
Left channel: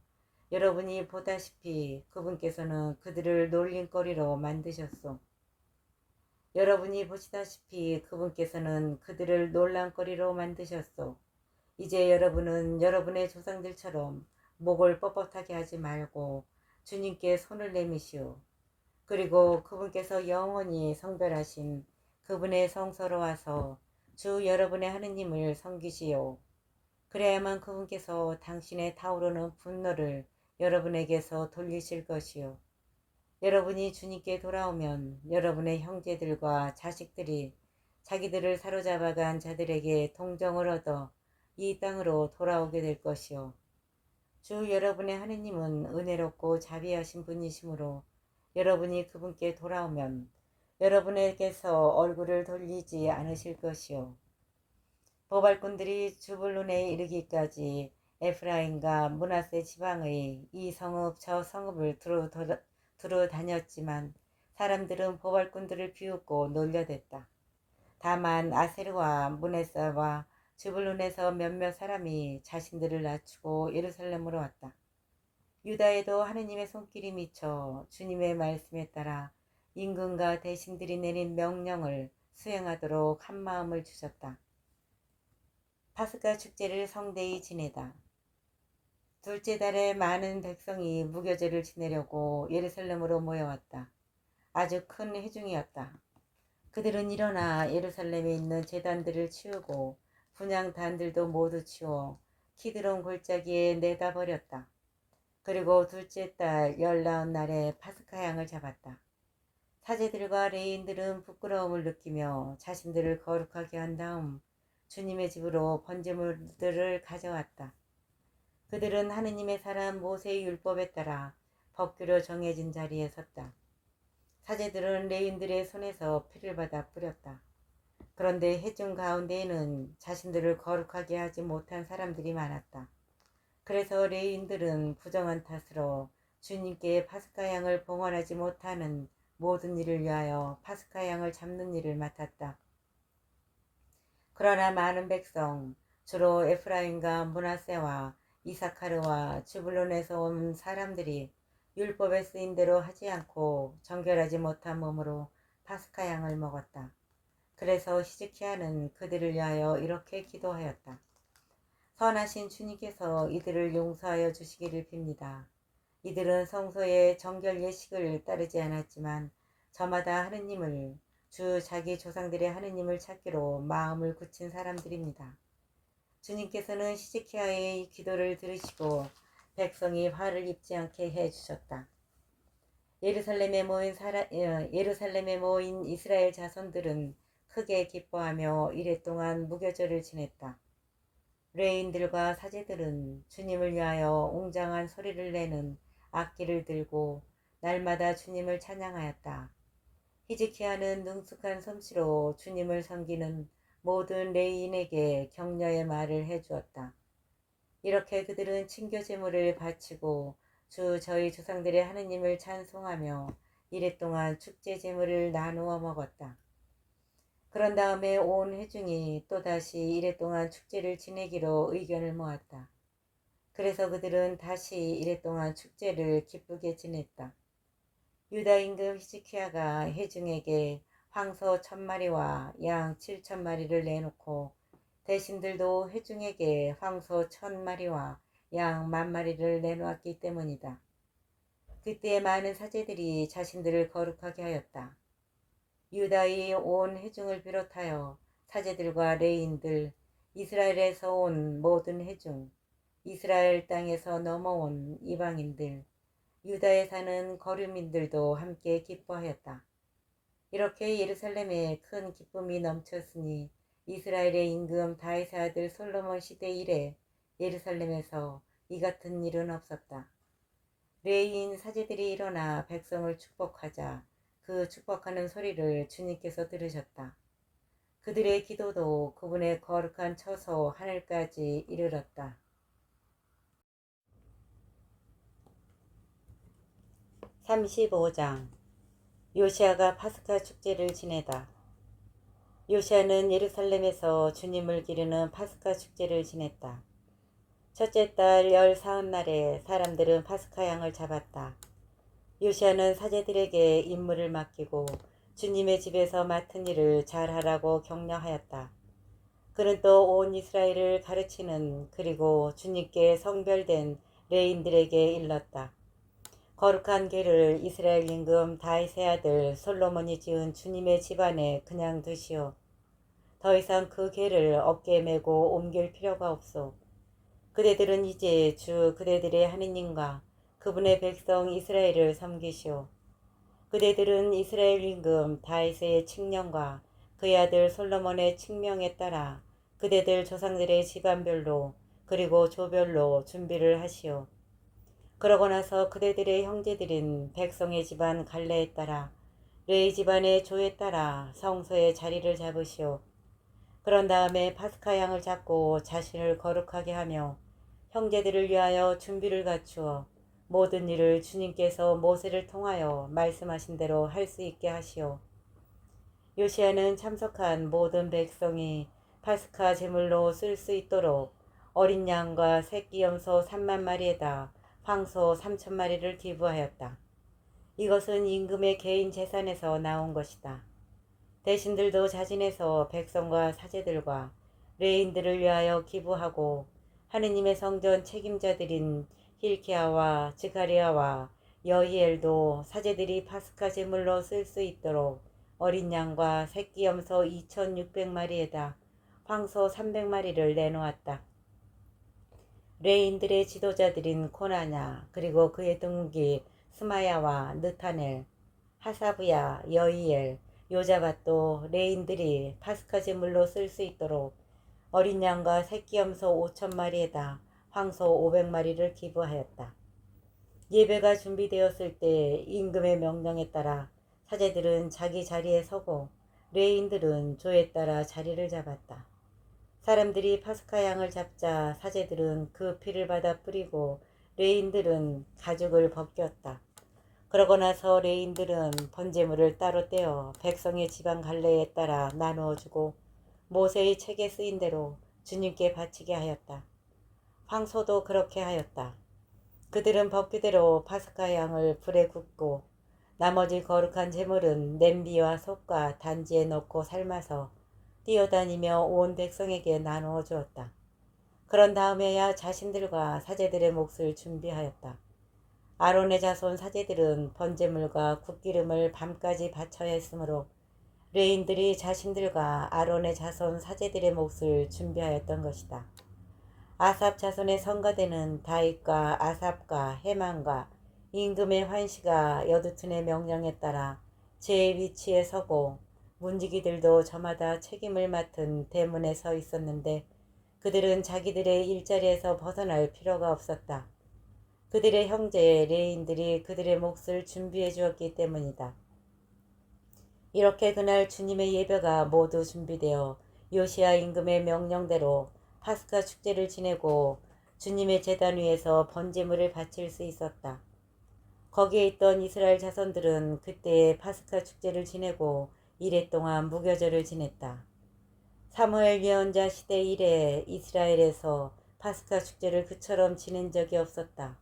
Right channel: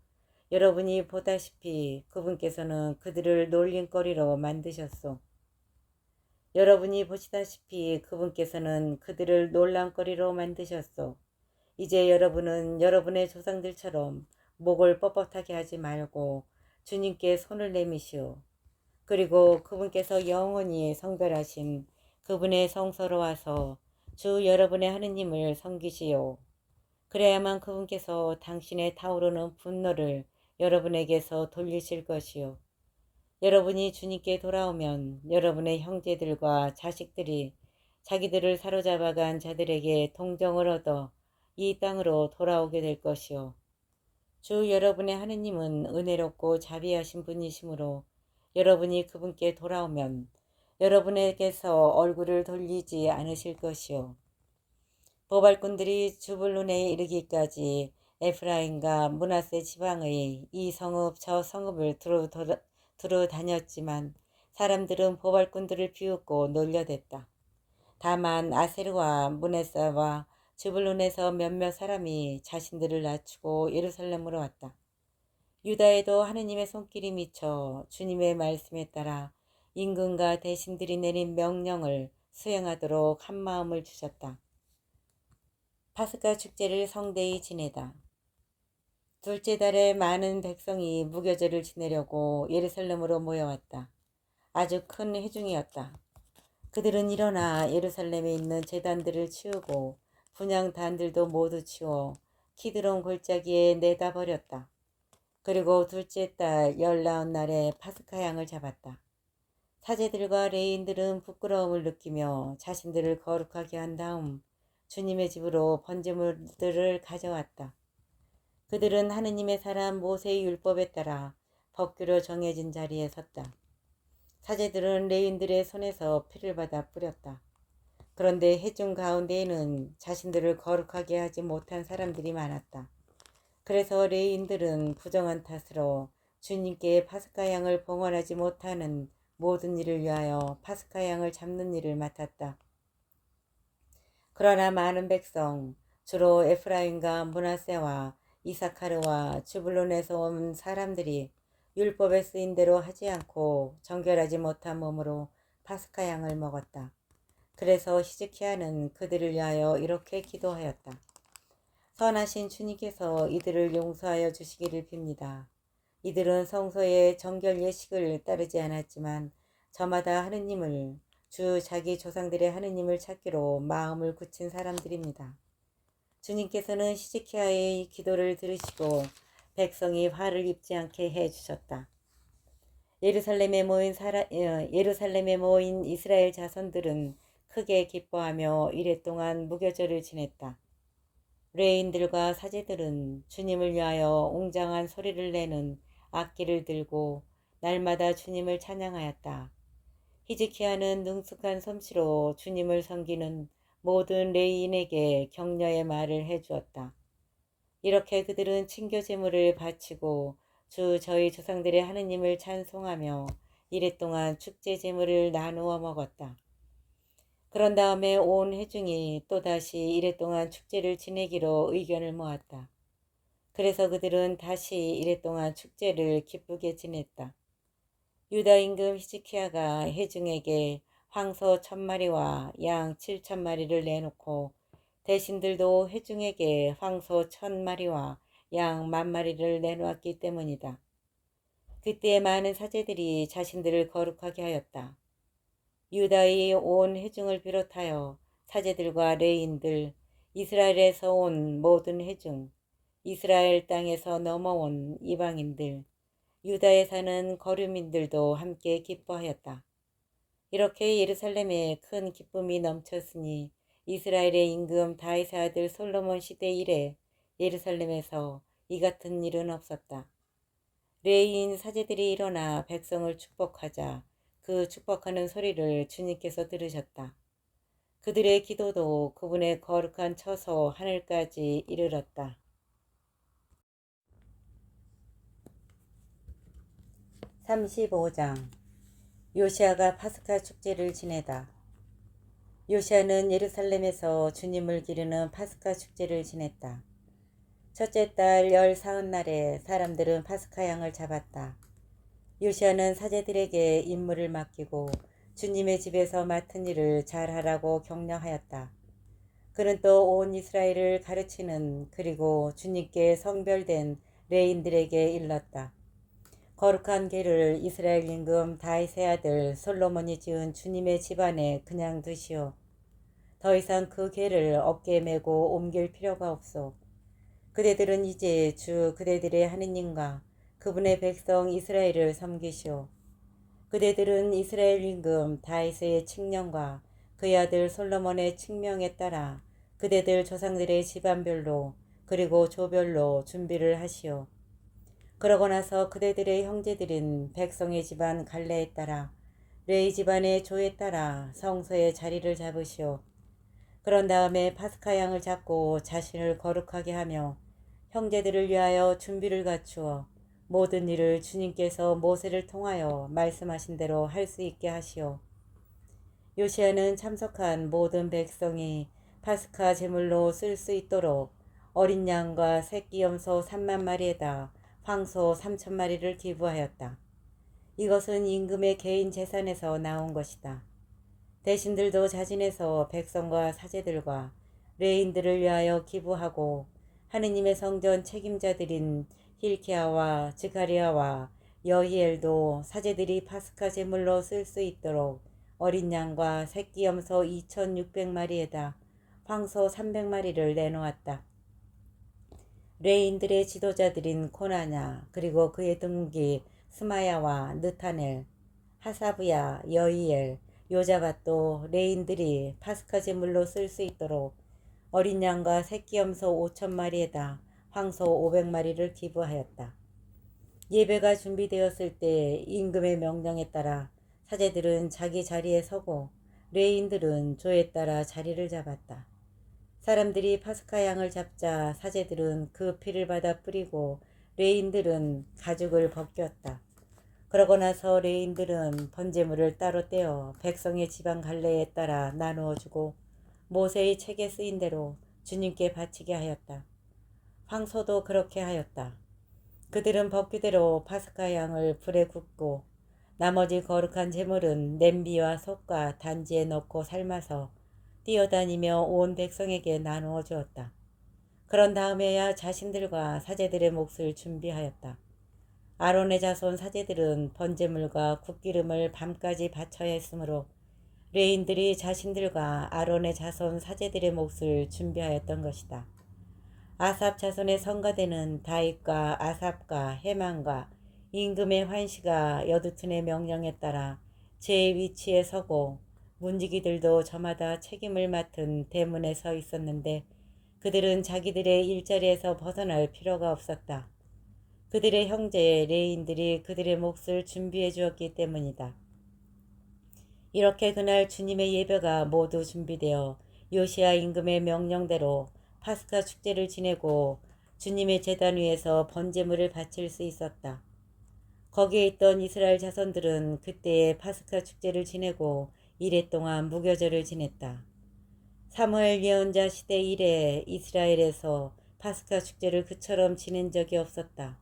여러분이 보다시피 그분께서는 그들을 놀림거리로 만드셨소. 여러분이 보시다시피 그분께서는 그들을 놀람거리로 만드셨소. 이제 여러분은 여러분의 조상들처럼 목을 뻣뻣하게 하지 말고 주님께 손을 내미시오. 그리고 그분께서 영원히 성별하신 그분의 성소로 와서 주 여러분의 하느님을 섬기시오. 그래야만 그분께서 당신의 타오르는 분노를 여러분에게서 돌리실 것이요. 여러분이 주님께 돌아오면 여러분의 형제들과 자식들이 자기들을 사로잡아간 자들에게 동정을 얻어 이 땅으로 돌아오게 될 것이요. 주 여러분의 하느님은 은혜롭고 자비하신 분이시므로 여러분이 그분께 돌아오면 여러분에게서 얼굴을 돌리지 않으실 것이요. 보발꾼들이 주불론에 이르기까지 에프라임과 므낫세 지방의 이 성읍 저 성읍을 두루 다녔지만 사람들은 보발꾼들을 비웃고 놀려댔다. 다만 아세르와 므낫세와 주불론에서 몇몇 사람이 자신들을 낮추고 예루살렘으로 왔다. 유다에도 하느님의 손길이 미쳐 주님의 말씀에 따라 임금과 대신들이 내린 명령을 수행하도록 한마음을 주셨다. 파스카 축제를 성대히 지내다. 둘째 달에 많은 백성이 무교절을 지내려고 예루살렘으로 모여왔다. 아주 큰 회중이었다. 그들은 일어나 예루살렘에 있는 제단들을 치우고 분향단들도 모두 치워 키드론 골짜기에 내다 버렸다. 그리고 둘째 달 19날에 파스카 양을 잡았다. 사제들과 레인들은 부끄러움을 느끼며 자신들을 거룩하게 한 다음 주님의 집으로 번제물들을 가져왔다. 그들은 하느님의 사람 모세의 율법에 따라 법규로 정해진 자리에 섰다. 사제들은 레인들의 손에서 피를 받아 뿌렸다. 그런데 회중 가운데에는 자신들을 거룩하게 하지 못한 사람들이 많았다. 그래서 레인들은 부정한 탓으로 주님께 파스카 양을 봉헌하지 못하는 모든 일을 위하여 파스카 양을 잡는 일을 맡았다. 그러나 많은 백성, 주로 에프라임과 므낫세와 이사카르와 즈불론에서 온 사람들이 율법에 쓰인 대로 하지 않고 정결하지 못한 몸으로 파스카 양을 먹었다. 그래서 히즈키야는 그들을 위하여 이렇게 기도하였다. 선하신 주님께서 이들을 용서하여 주시기를 빕니다. 이들은 성소의 정결 예식을 따르지 않았지만 저마다 하느님을 주 자기 조상들의 하느님을 찾기로 마음을 굳힌 사람들입니다. 주님께서는 히즈키야의 기도를 들으시고 백성이 화를 입지 않게 해주셨다. 예루살렘에 모인 이스라엘 자손들은 크게 기뻐하며 이랫동안 무교절을 지냈다. 레인들과 사제들은 주님을 위하여 웅장한 소리를 내는 악기를 들고 날마다 주님을 찬양하였다. 히즈키야는 능숙한 솜씨로 주님을 섬기는 모든 레인에게 격려의 말을 해주었다. 이렇게 그들은 친교 제물을 바치고 주 저희 조상들의 하느님을 찬송하며 이랫동안 축제 제물을 나누어 먹었다. 그런 다음에 온 회중이 또다시 이랫동안 축제를 지내기로 의견을 모았다. 그래서 그들은 다시 이랫동안 축제를 기쁘게 지냈다. 유다 임금 히즈키야가 회중에게 황소 1000마리와 양 7000마리를 내놓고 대신들도 회중에게 황소 1000마리와 양 10,000마리를 내놓았기 때문이다. 그때 많은 사제들이 자신들을 거룩하게 하였다. 유다의 온 회중을 비롯하여 사제들과 레인들, 이스라엘에서 온 모든 회중, 이스라엘 땅에서 넘어온 이방인들, 유다에 사는 거류민들도 함께 기뻐하였다. 이렇게 예루살렘에 큰 기쁨이 넘쳤으니 이스라엘의 임금 다윗의 아들 솔로몬 시대 이래 예루살렘에서 이 같은 일은 없었다. 레위인 사제들이 일어나 백성을 축복하자 그 축복하는 소리를 주님께서 들으셨다. 그들의 기도도 그분의 거룩한 처소 하늘까지 이르렀다. 35장 요시야가 파스카 축제를 지내다. 요시야는 예루살렘에서 주님을 기르는 파스카 축제를 지냈다. 첫째 달 14날에 사람들은 파스카 양을 잡았다. 요시야는 사제들에게 임무를 맡기고 주님의 집에서 맡은 일을 잘하라고 격려하였다. 그는 또 온 이스라엘을 가르치는 그리고 주님께 성별된 레인들에게 일렀다. 거룩한 궤를 이스라엘 임금 다윗의 아들 솔로몬이 지은 주님의 집안에 그냥 두시오. 더 이상 그 궤를 어깨에 메고 옮길 필요가 없소. 그대들은 이제 주 그대들의 하느님과 그분의 백성 이스라엘을 섬기시오. 그대들은 이스라엘 임금 다윗의 칙령과 그의 아들 솔로몬의 칙명에 따라 그대들 조상들의 집안별로 그리고 조별로 준비를 하시오. 그러고 나서 그대들의 형제들인 백성의 집안 갈래에 따라 레위 집안의 조에 따라 성소의 자리를 잡으시오. 그런 다음에 파스카 양을 잡고 자신을 거룩하게 하며 형제들을 위하여 준비를 갖추어 모든 일을 주님께서 모세를 통하여 말씀하신 대로 할 수 있게 하시오. 요시야는 참석한 모든 백성이 파스카 제물로 쓸 수 있도록 어린 양과 새끼 염소 30,000마리에다 황소 3000마리를 기부하였다. 이것은 임금의 개인 재산에서 나온 것이다. 대신들도 자진해서 백성과 사제들과 레인들을 위하여 기부하고 하느님의 성전 책임자들인 힐키야와 즈가리야와 여히엘도 사제들이 파스카 제물로 쓸 수 있도록 어린 양과 새끼 염소 2600마리에다 황소 300마리를 내놓았다. 레인들의 지도자들인 코나냐 그리고 그의 동기 스마야와 느타넬, 하사브야, 여히엘, 요자밧도 레인들이 파스카 제물로 쓸 수 있도록 어린 양과 새끼 염소 5,000마리에다 황소 500마리를 기부하였다. 예배가 준비되었을 때 임금의 명령에 따라 사제들은 자기 자리에 서고 레인들은 조에 따라 자리를 잡았다. 사람들이 파스카 양을 잡자 사제들은 그 피를 받아 뿌리고 레인들은 가죽을 벗겼다. 그러고 나서 레인들은 번제물을 따로 떼어 백성의 지방 갈래에 따라 나누어 주고 모세의 책에 쓰인 대로 주님께 바치게 하였다. 황소도 그렇게 하였다. 그들은 법규대로 파스카 양을 불에 굽고 나머지 거룩한 제물은 냄비와 솥과 단지에 넣고 삶아서 뛰어다니며 온 백성에게 나누어 주었다. 그런 다음에야 자신들과 사제들의 몫을 준비하였다. 아론의 자손 사제들은 번제물과 국기름을 밤까지 바쳐야 했으므로 레인들이 자신들과 아론의 자손 사제들의 몫을 준비하였던 것이다. 아삽 자손의 성가대는 다윗과 아삽과 헤만과 임금의 환시가 여두튼의 명령에 따라 제 위치에 서고 문지기들도 저마다 책임을 맡은 대문에 서 있었는데 그들은 자기들의 일자리에서 벗어날 필요가 없었다. 그들의 형제 레인들이 그들의 몫을 준비해 주었기 때문이다. 이렇게 그날 주님의 예배가 모두 준비되어 요시야 임금의 명령대로 파스카 축제를 지내고 주님의 제단 위에서 번제물을 바칠 수 있었다. 거기에 있던 이스라엘 자손들은 그때의 파스카 축제를 지내고 이래 동안 무교절을 지냈다. 사무엘 예언자 시대 이래 이스라엘에서 파스카 축제를 그처럼 지낸 적이 없었다.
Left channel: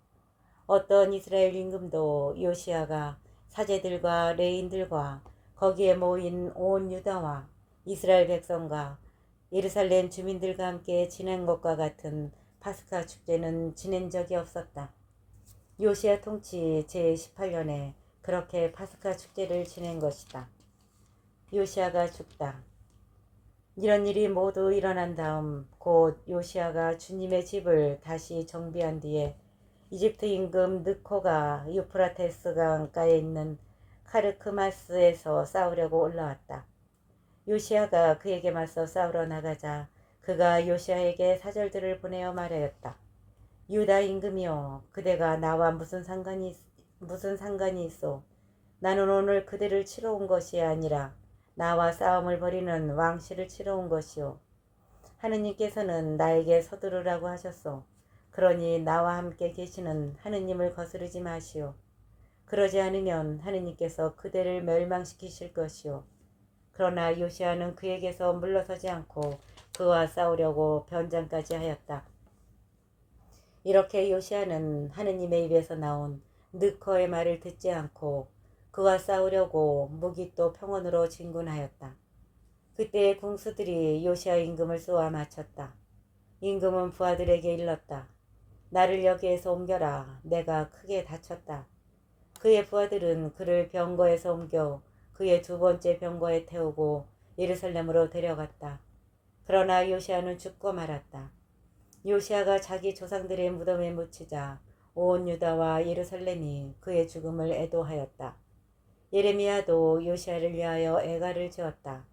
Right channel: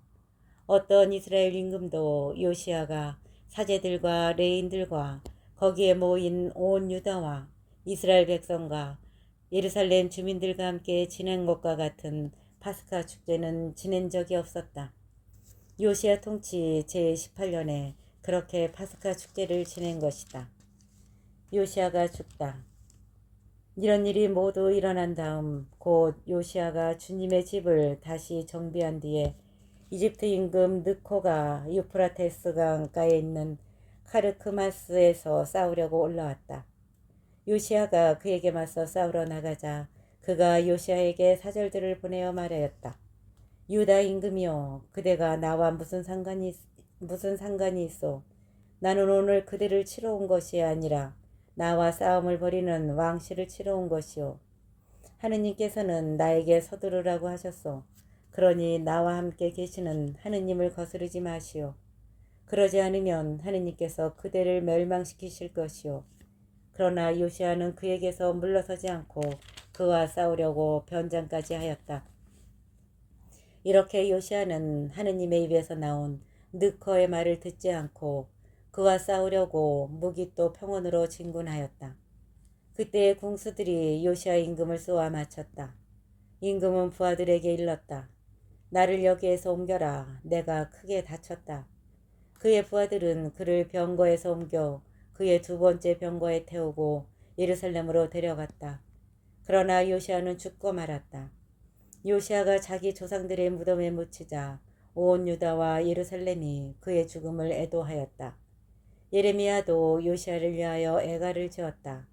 어떤 이스라엘 임금도 요시야가 사제들과 레인들과 거기에 모인 온 유다와 이스라엘 백성과 예루살렘 주민들과 함께 지낸 것과 같은 파스카 축제는 지낸 적이 없었다. 요시야 통치 제18년에 그렇게 파스카 축제를 지낸 것이다. 요시야가 죽다. 이런 일이 모두 일어난 다음 곧 요시야가 주님의 집을 다시 정비한 뒤에 이집트 임금 느코가 유프라테스 강가에 있는 카르크마스에서 싸우려고 올라왔다. 요시야가 그에게 맞서 싸우러 나가자 그가 요시야에게 사절들을 보내어 말하였다. 유다 임금이여, 그대가 나와 무슨 상관이 있소? 나는 오늘 그대를 치러 온 것이 아니라 나와 싸움을 벌이는 왕실을 치러 온 것이오. 하느님께서는 나에게 서두르라고 하셨소. 그러니 나와 함께 계시는 하느님을 거스르지 마시오. 그러지 않으면 하느님께서 그대를 멸망시키실 것이오. 그러나 요시야는 그에게서 물러서지 않고 그와 싸우려고 변장까지 하였다. 이렇게 요시야는 하느님의 입에서 나온 느커의 말을 듣지 않고 그와 싸우려고 무기또 평원으로 진군하였다. 그때 궁수들이 요시야 임금을 쏘아 맞췄다. 임금은 부하들에게 일렀다. 나를 여기에서 옮겨라. 내가 크게 다쳤다. 그의 부하들은 그를 병거에서 옮겨 그의 두 번째 병거에 태우고 예루살렘으로 데려갔다. 그러나 요시야는 죽고 말았다. 요시야가 자기 조상들의 무덤에 묻히자 온 유다와 예루살렘이 그의 죽음을 애도하였다. 예레미야도 요시야를 위하여 애가를 지었다.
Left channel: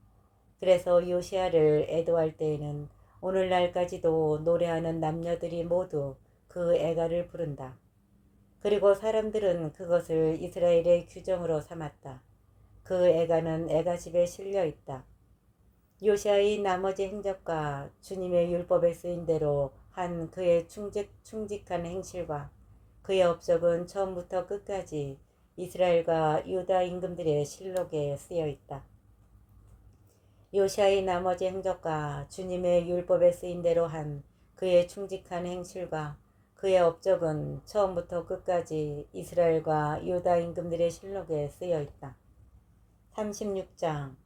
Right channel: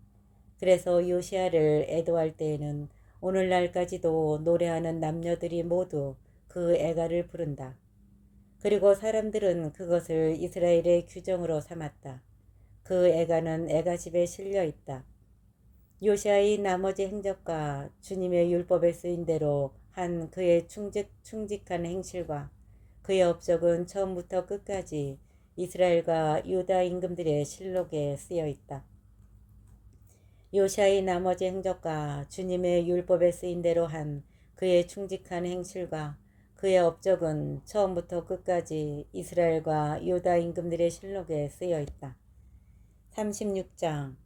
그래서 요시야를 애도할 때에는 오늘날까지도 노래하는 남녀들이 모두 그 애가를 부른다. 그리고 사람들은 그것을 이스라엘의 규정으로 삼았다. 그 애가는 애가집에 실려 있다. 요시야의 나머지 행적과 주님의 율법에 쓰인 대로 한 그의 충직한 행실과 그의 업적은 처음부터 끝까지 이스라엘과 유다 임금들의 실록에 쓰여 있다. 요시야의 나머지 행적과 주님의 율법에 쓰인 대로 한 그의 충직한 행실과 그의 업적은 처음부터 끝까지 이스라엘과 유다 임금들의 실록에 쓰여 있다. 36장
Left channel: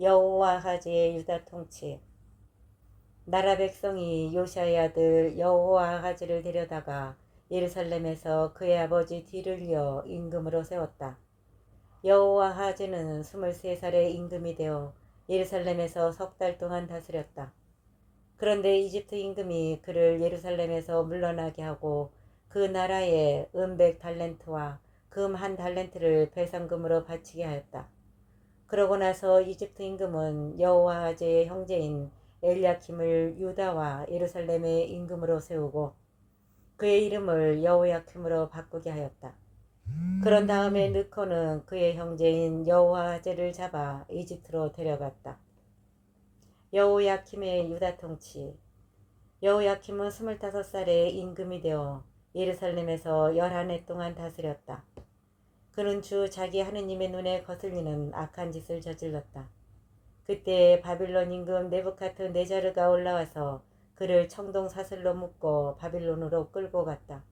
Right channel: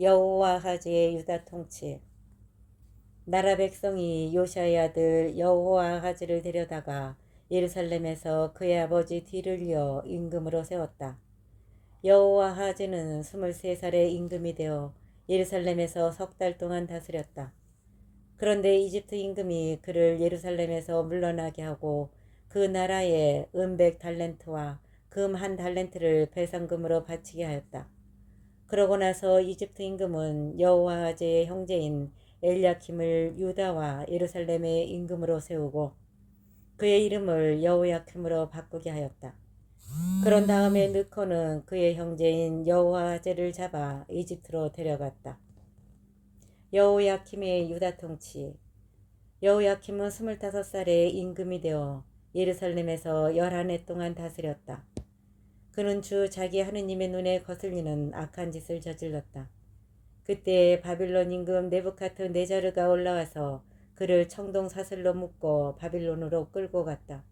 여호와하즈의 유다 통치. 나라 백성이 요시야의 아들 여호와하즈를 데려다가 예루살렘에서 그의 아버지 뒤를 이어 임금으로 세웠다. 여호와하즈는 23살의 임금이 되어 예루살렘에서 3달 동안 다스렸다. 그런데 이집트 임금이 그를 예루살렘에서 물러나게 하고 그 나라에 은 100달란트와 금 1달란트를 배상금으로 바치게 하였다. 그러고 나서 이집트 임금은 여호와하즈의 형제인 엘야킴을 유다와 예루살렘의 임금으로 세우고 그의 이름을 여호야킴으로 바꾸게 하였다. 그런 다음에 느코는 그의 형제인 여호아제를 잡아 이집트로 데려갔다. 여호야킴의 유다 통치. 여호야킴은 25살에 임금이 되어 예루살렘에서 11해 동안 다스렸다. 그는 주 자기 하느님의 눈에 거슬리는 악한 짓을 저질렀다. 그때 바빌론 임금 네부카드네자르가 올라와서 그를 청동 사슬로 묶고 바빌론으로 끌고 갔다.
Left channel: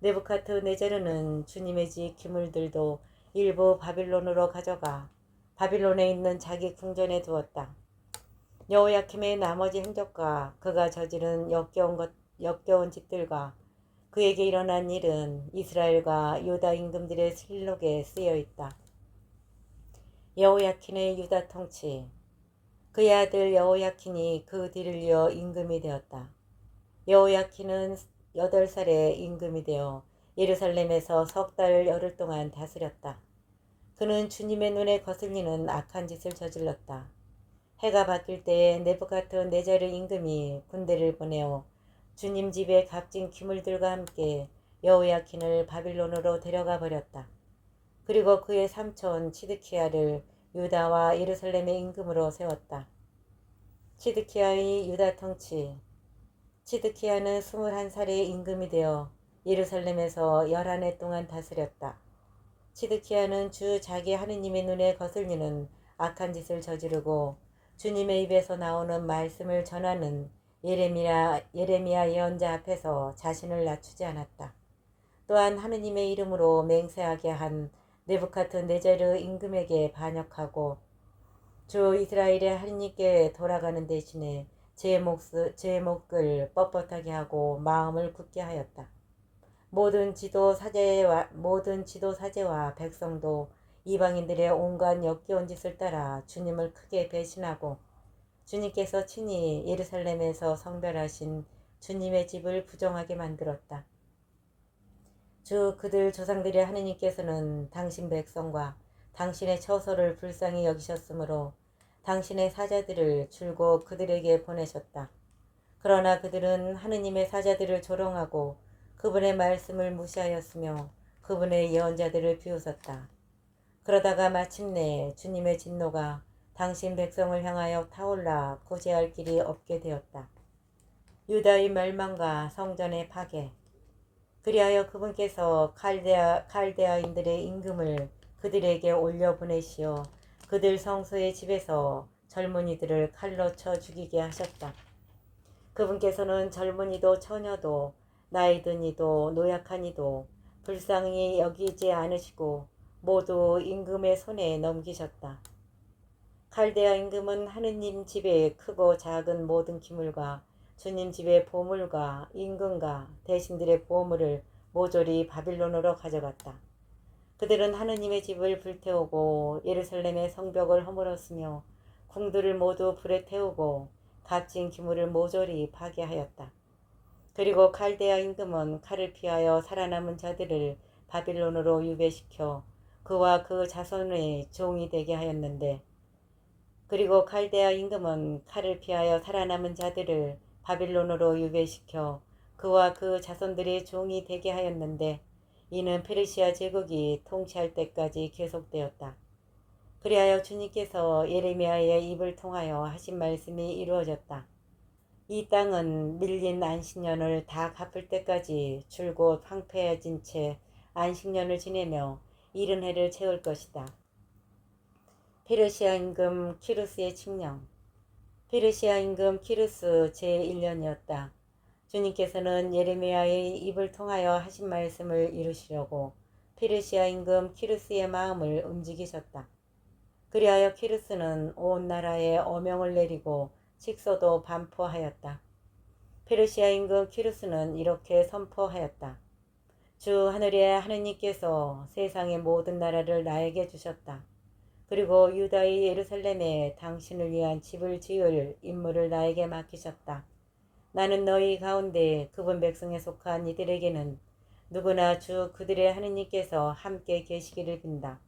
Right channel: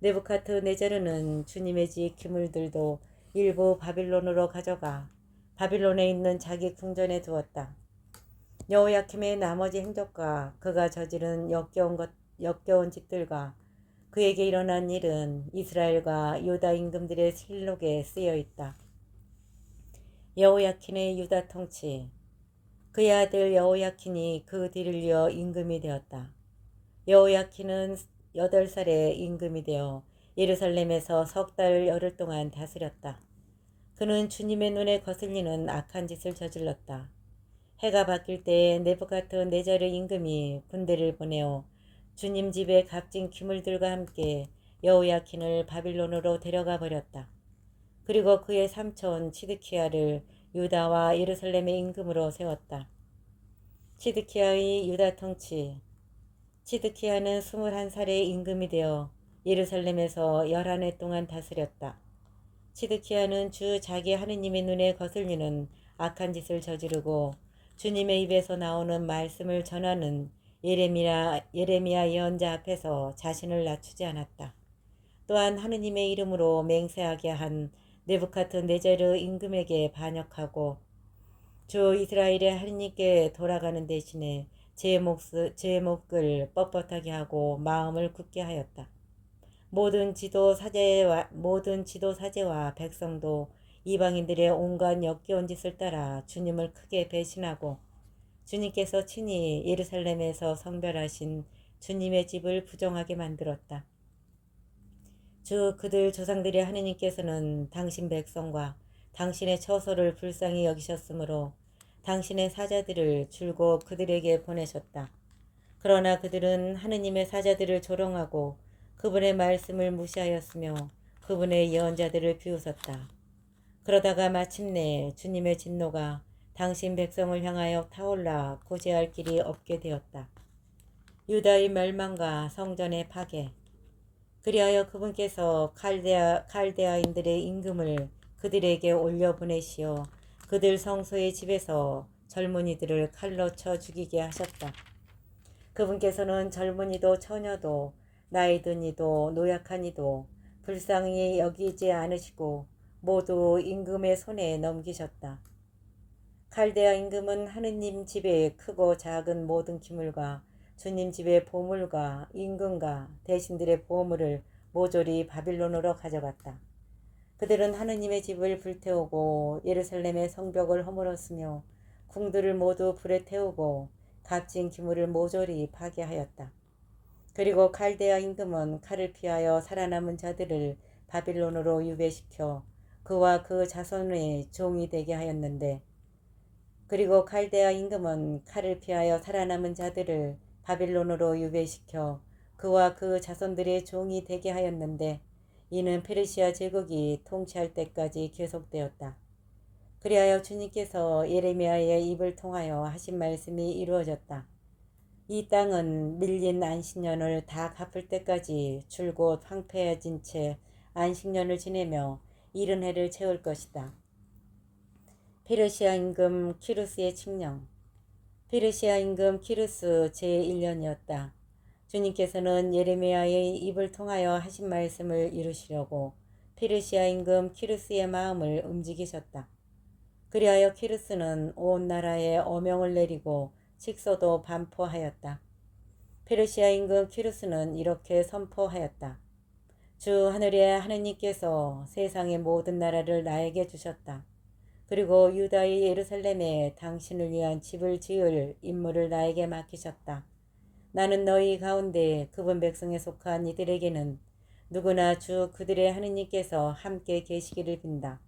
네부카드네자르는 주님의 집 기물들도 일부 바빌론으로 가져가 바빌론에 있는 자기 궁전에 두었다. 여호야킴의 나머지 행적과 그가 저지른 역겨운 짓들과 그에게 일어난 일은 이스라엘과 유다 임금들의 실록에 쓰여 있다. 여호야킨의 유다 통치. 그의 아들 여호야킨이 그 뒤를 이어 임금이 되었다. 여호야킨은 8살에 임금이 되어 예루살렘에서 3달 열흘 동안 다스렸다. 그는 주님의 눈에 거슬리는 악한 짓을 저질렀다. 해가 바뀔 때에 네부갓네자르 임금이 군대를 보내어 주님 집의 값진 기물들과 함께 여호야킨을 바빌론으로 데려가 버렸다. 그리고 그의 삼촌 치드키야를 유다와 예루살렘의 임금으로 세웠다. 치드키야의 유다 통치. 치드키야는 21살의 임금이 되어 예루살렘에서 11해 동안 다스렸다. 치드키야는 주 자기 하느님의 눈에 거슬리는 악한 짓을 저지르고 주님의 입에서 나오는 말씀을 전하는 예레미야 예언자 앞에서 자신을 낮추지 않았다. 또한 하느님의 이름으로 맹세하게 한 네부카드네자르 임금에게 반역하고 주 이스라엘의 하느님께 돌아가는 대신에 제 목을 뻣뻣하게 하고 마음을 굳게 하였다. 모든 지도 사제와 백성도 이방인들의 온갖 역겨운 짓을 따라 주님을 크게 배신하고 주님께서 친히 예루살렘에서 성별하신 주님의 집을 부정하게 만들었다. 주 그들 조상들의 하느님께서는 당신 백성과 당신의 처소를 불쌍히 여기셨으므로 당신의 사자들을 줄곧 그들에게 보내셨다. 그러나 그들은 하느님의 사자들을 조롱하고 그분의 말씀을 무시하였으며 그분의 예언자들을 비웃었다. 그러다가 마침내 주님의 진노가 당신 백성을 향하여 타올라 구제할 길이 없게 되었다. 유다의 멸망과 성전의 파괴. 그리하여 그분께서 칼데아인들의 임금을 그들에게 올려보내시어 그들 성소의 집에서 젊은이들을 칼로 쳐 죽이게 하셨다. 그분께서는 젊은이도 처녀도 나이 든 이도 노약한 이도 불쌍히 여기지 않으시고 모두 임금의 손에 넘기셨다. 칼데아 임금은 하느님 집의 크고 작은 모든 기물과 주님 집의 보물과 임금과 대신들의 보물을 모조리 바빌론으로 가져갔다. 그들은 하느님의 집을 불태우고 예루살렘의 성벽을 허물었으며 궁들을 모두 불에 태우고 값진 기물을 모조리 파괴하였다. 그리고 칼데아 임금은 칼을 피하여 살아남은 자들을 바빌론으로 유배시켜 그와 그 자손의 종이 되게 하였는데 그리고 칼데아 임금은 칼을 피하여 살아남은 자들을 바빌론으로 유배시켜 그와 그 자손들의 종이 되게 하였는데 이는 페르시아 제국이 통치할 때까지 계속되었다. 그리하여 주님께서 예레미야의 입을 통하여 하신 말씀이 이루어졌다. 이 땅은 밀린 안식년을 다 갚을 때까지 줄곧 황폐해진 채 안식년을 지내며 70해를 채울 것이다. 페르시아 임금 키루스의 칙령. 페르시아 임금 키루스 제1년이었다. 주님께서는 예레미야의 입을 통하여 하신 말씀을 이루시려고 페르시아 임금 키루스의 마음을 움직이셨다. 그리하여 키루스는 온 나라에 어명을 내리고 식서도 반포하였다. 페르시아 임금 키루스는 이렇게 선포하였다. 주 하늘의 하느님께서 세상의 모든 나라를 나에게 주셨다. 그리고 유다의 예루살렘에 당신을 위한 집을 지을 임무를 나에게 맡기셨다. 나는 너희 가운데 그분 백성에 속한 이들에게는 누구나 주 그들의 하느님께서 함께 계시기를 빈다.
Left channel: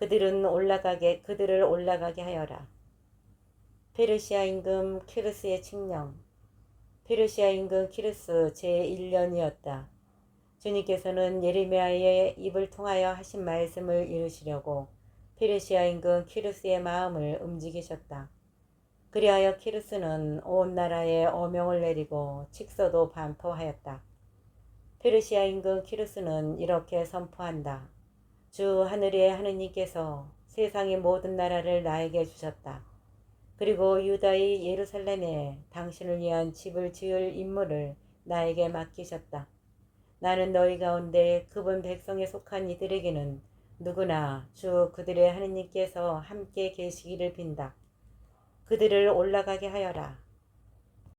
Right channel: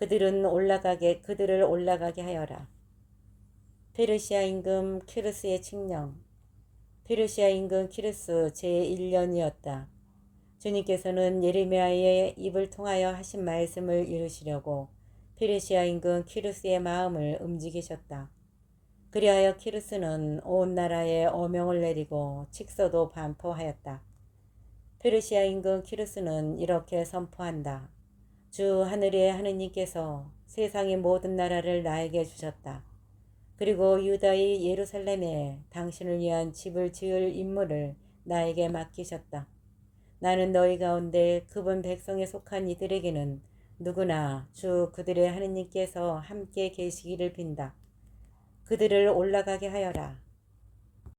그들을 올라가게 하여라. 페르시아 임금 키루스의 칙령. 페르시아 임금 키루스 제1년이었다. 주님께서는 예레미야의 입을 통하여 하신 말씀을 이루시려고 페르시아 임금 키루스의 마음을 움직이셨다. 그리하여 키루스는 온 나라에 어명을 내리고 칙서도 반포하였다. 페르시아 임금 키루스는 이렇게 선포한다. 주 하늘의 하느님께서 세상의 모든 나라를 나에게 주셨다. 그리고 유다의 예루살렘에 당신을 위한 집을 지을 임무를 나에게 맡기셨다. 나는 너희 가운데 그분 백성에 속한 이들에게는 누구나 주 그들의 하느님께서 함께 계시기를 빈다. 그들을 올라가게 하여라.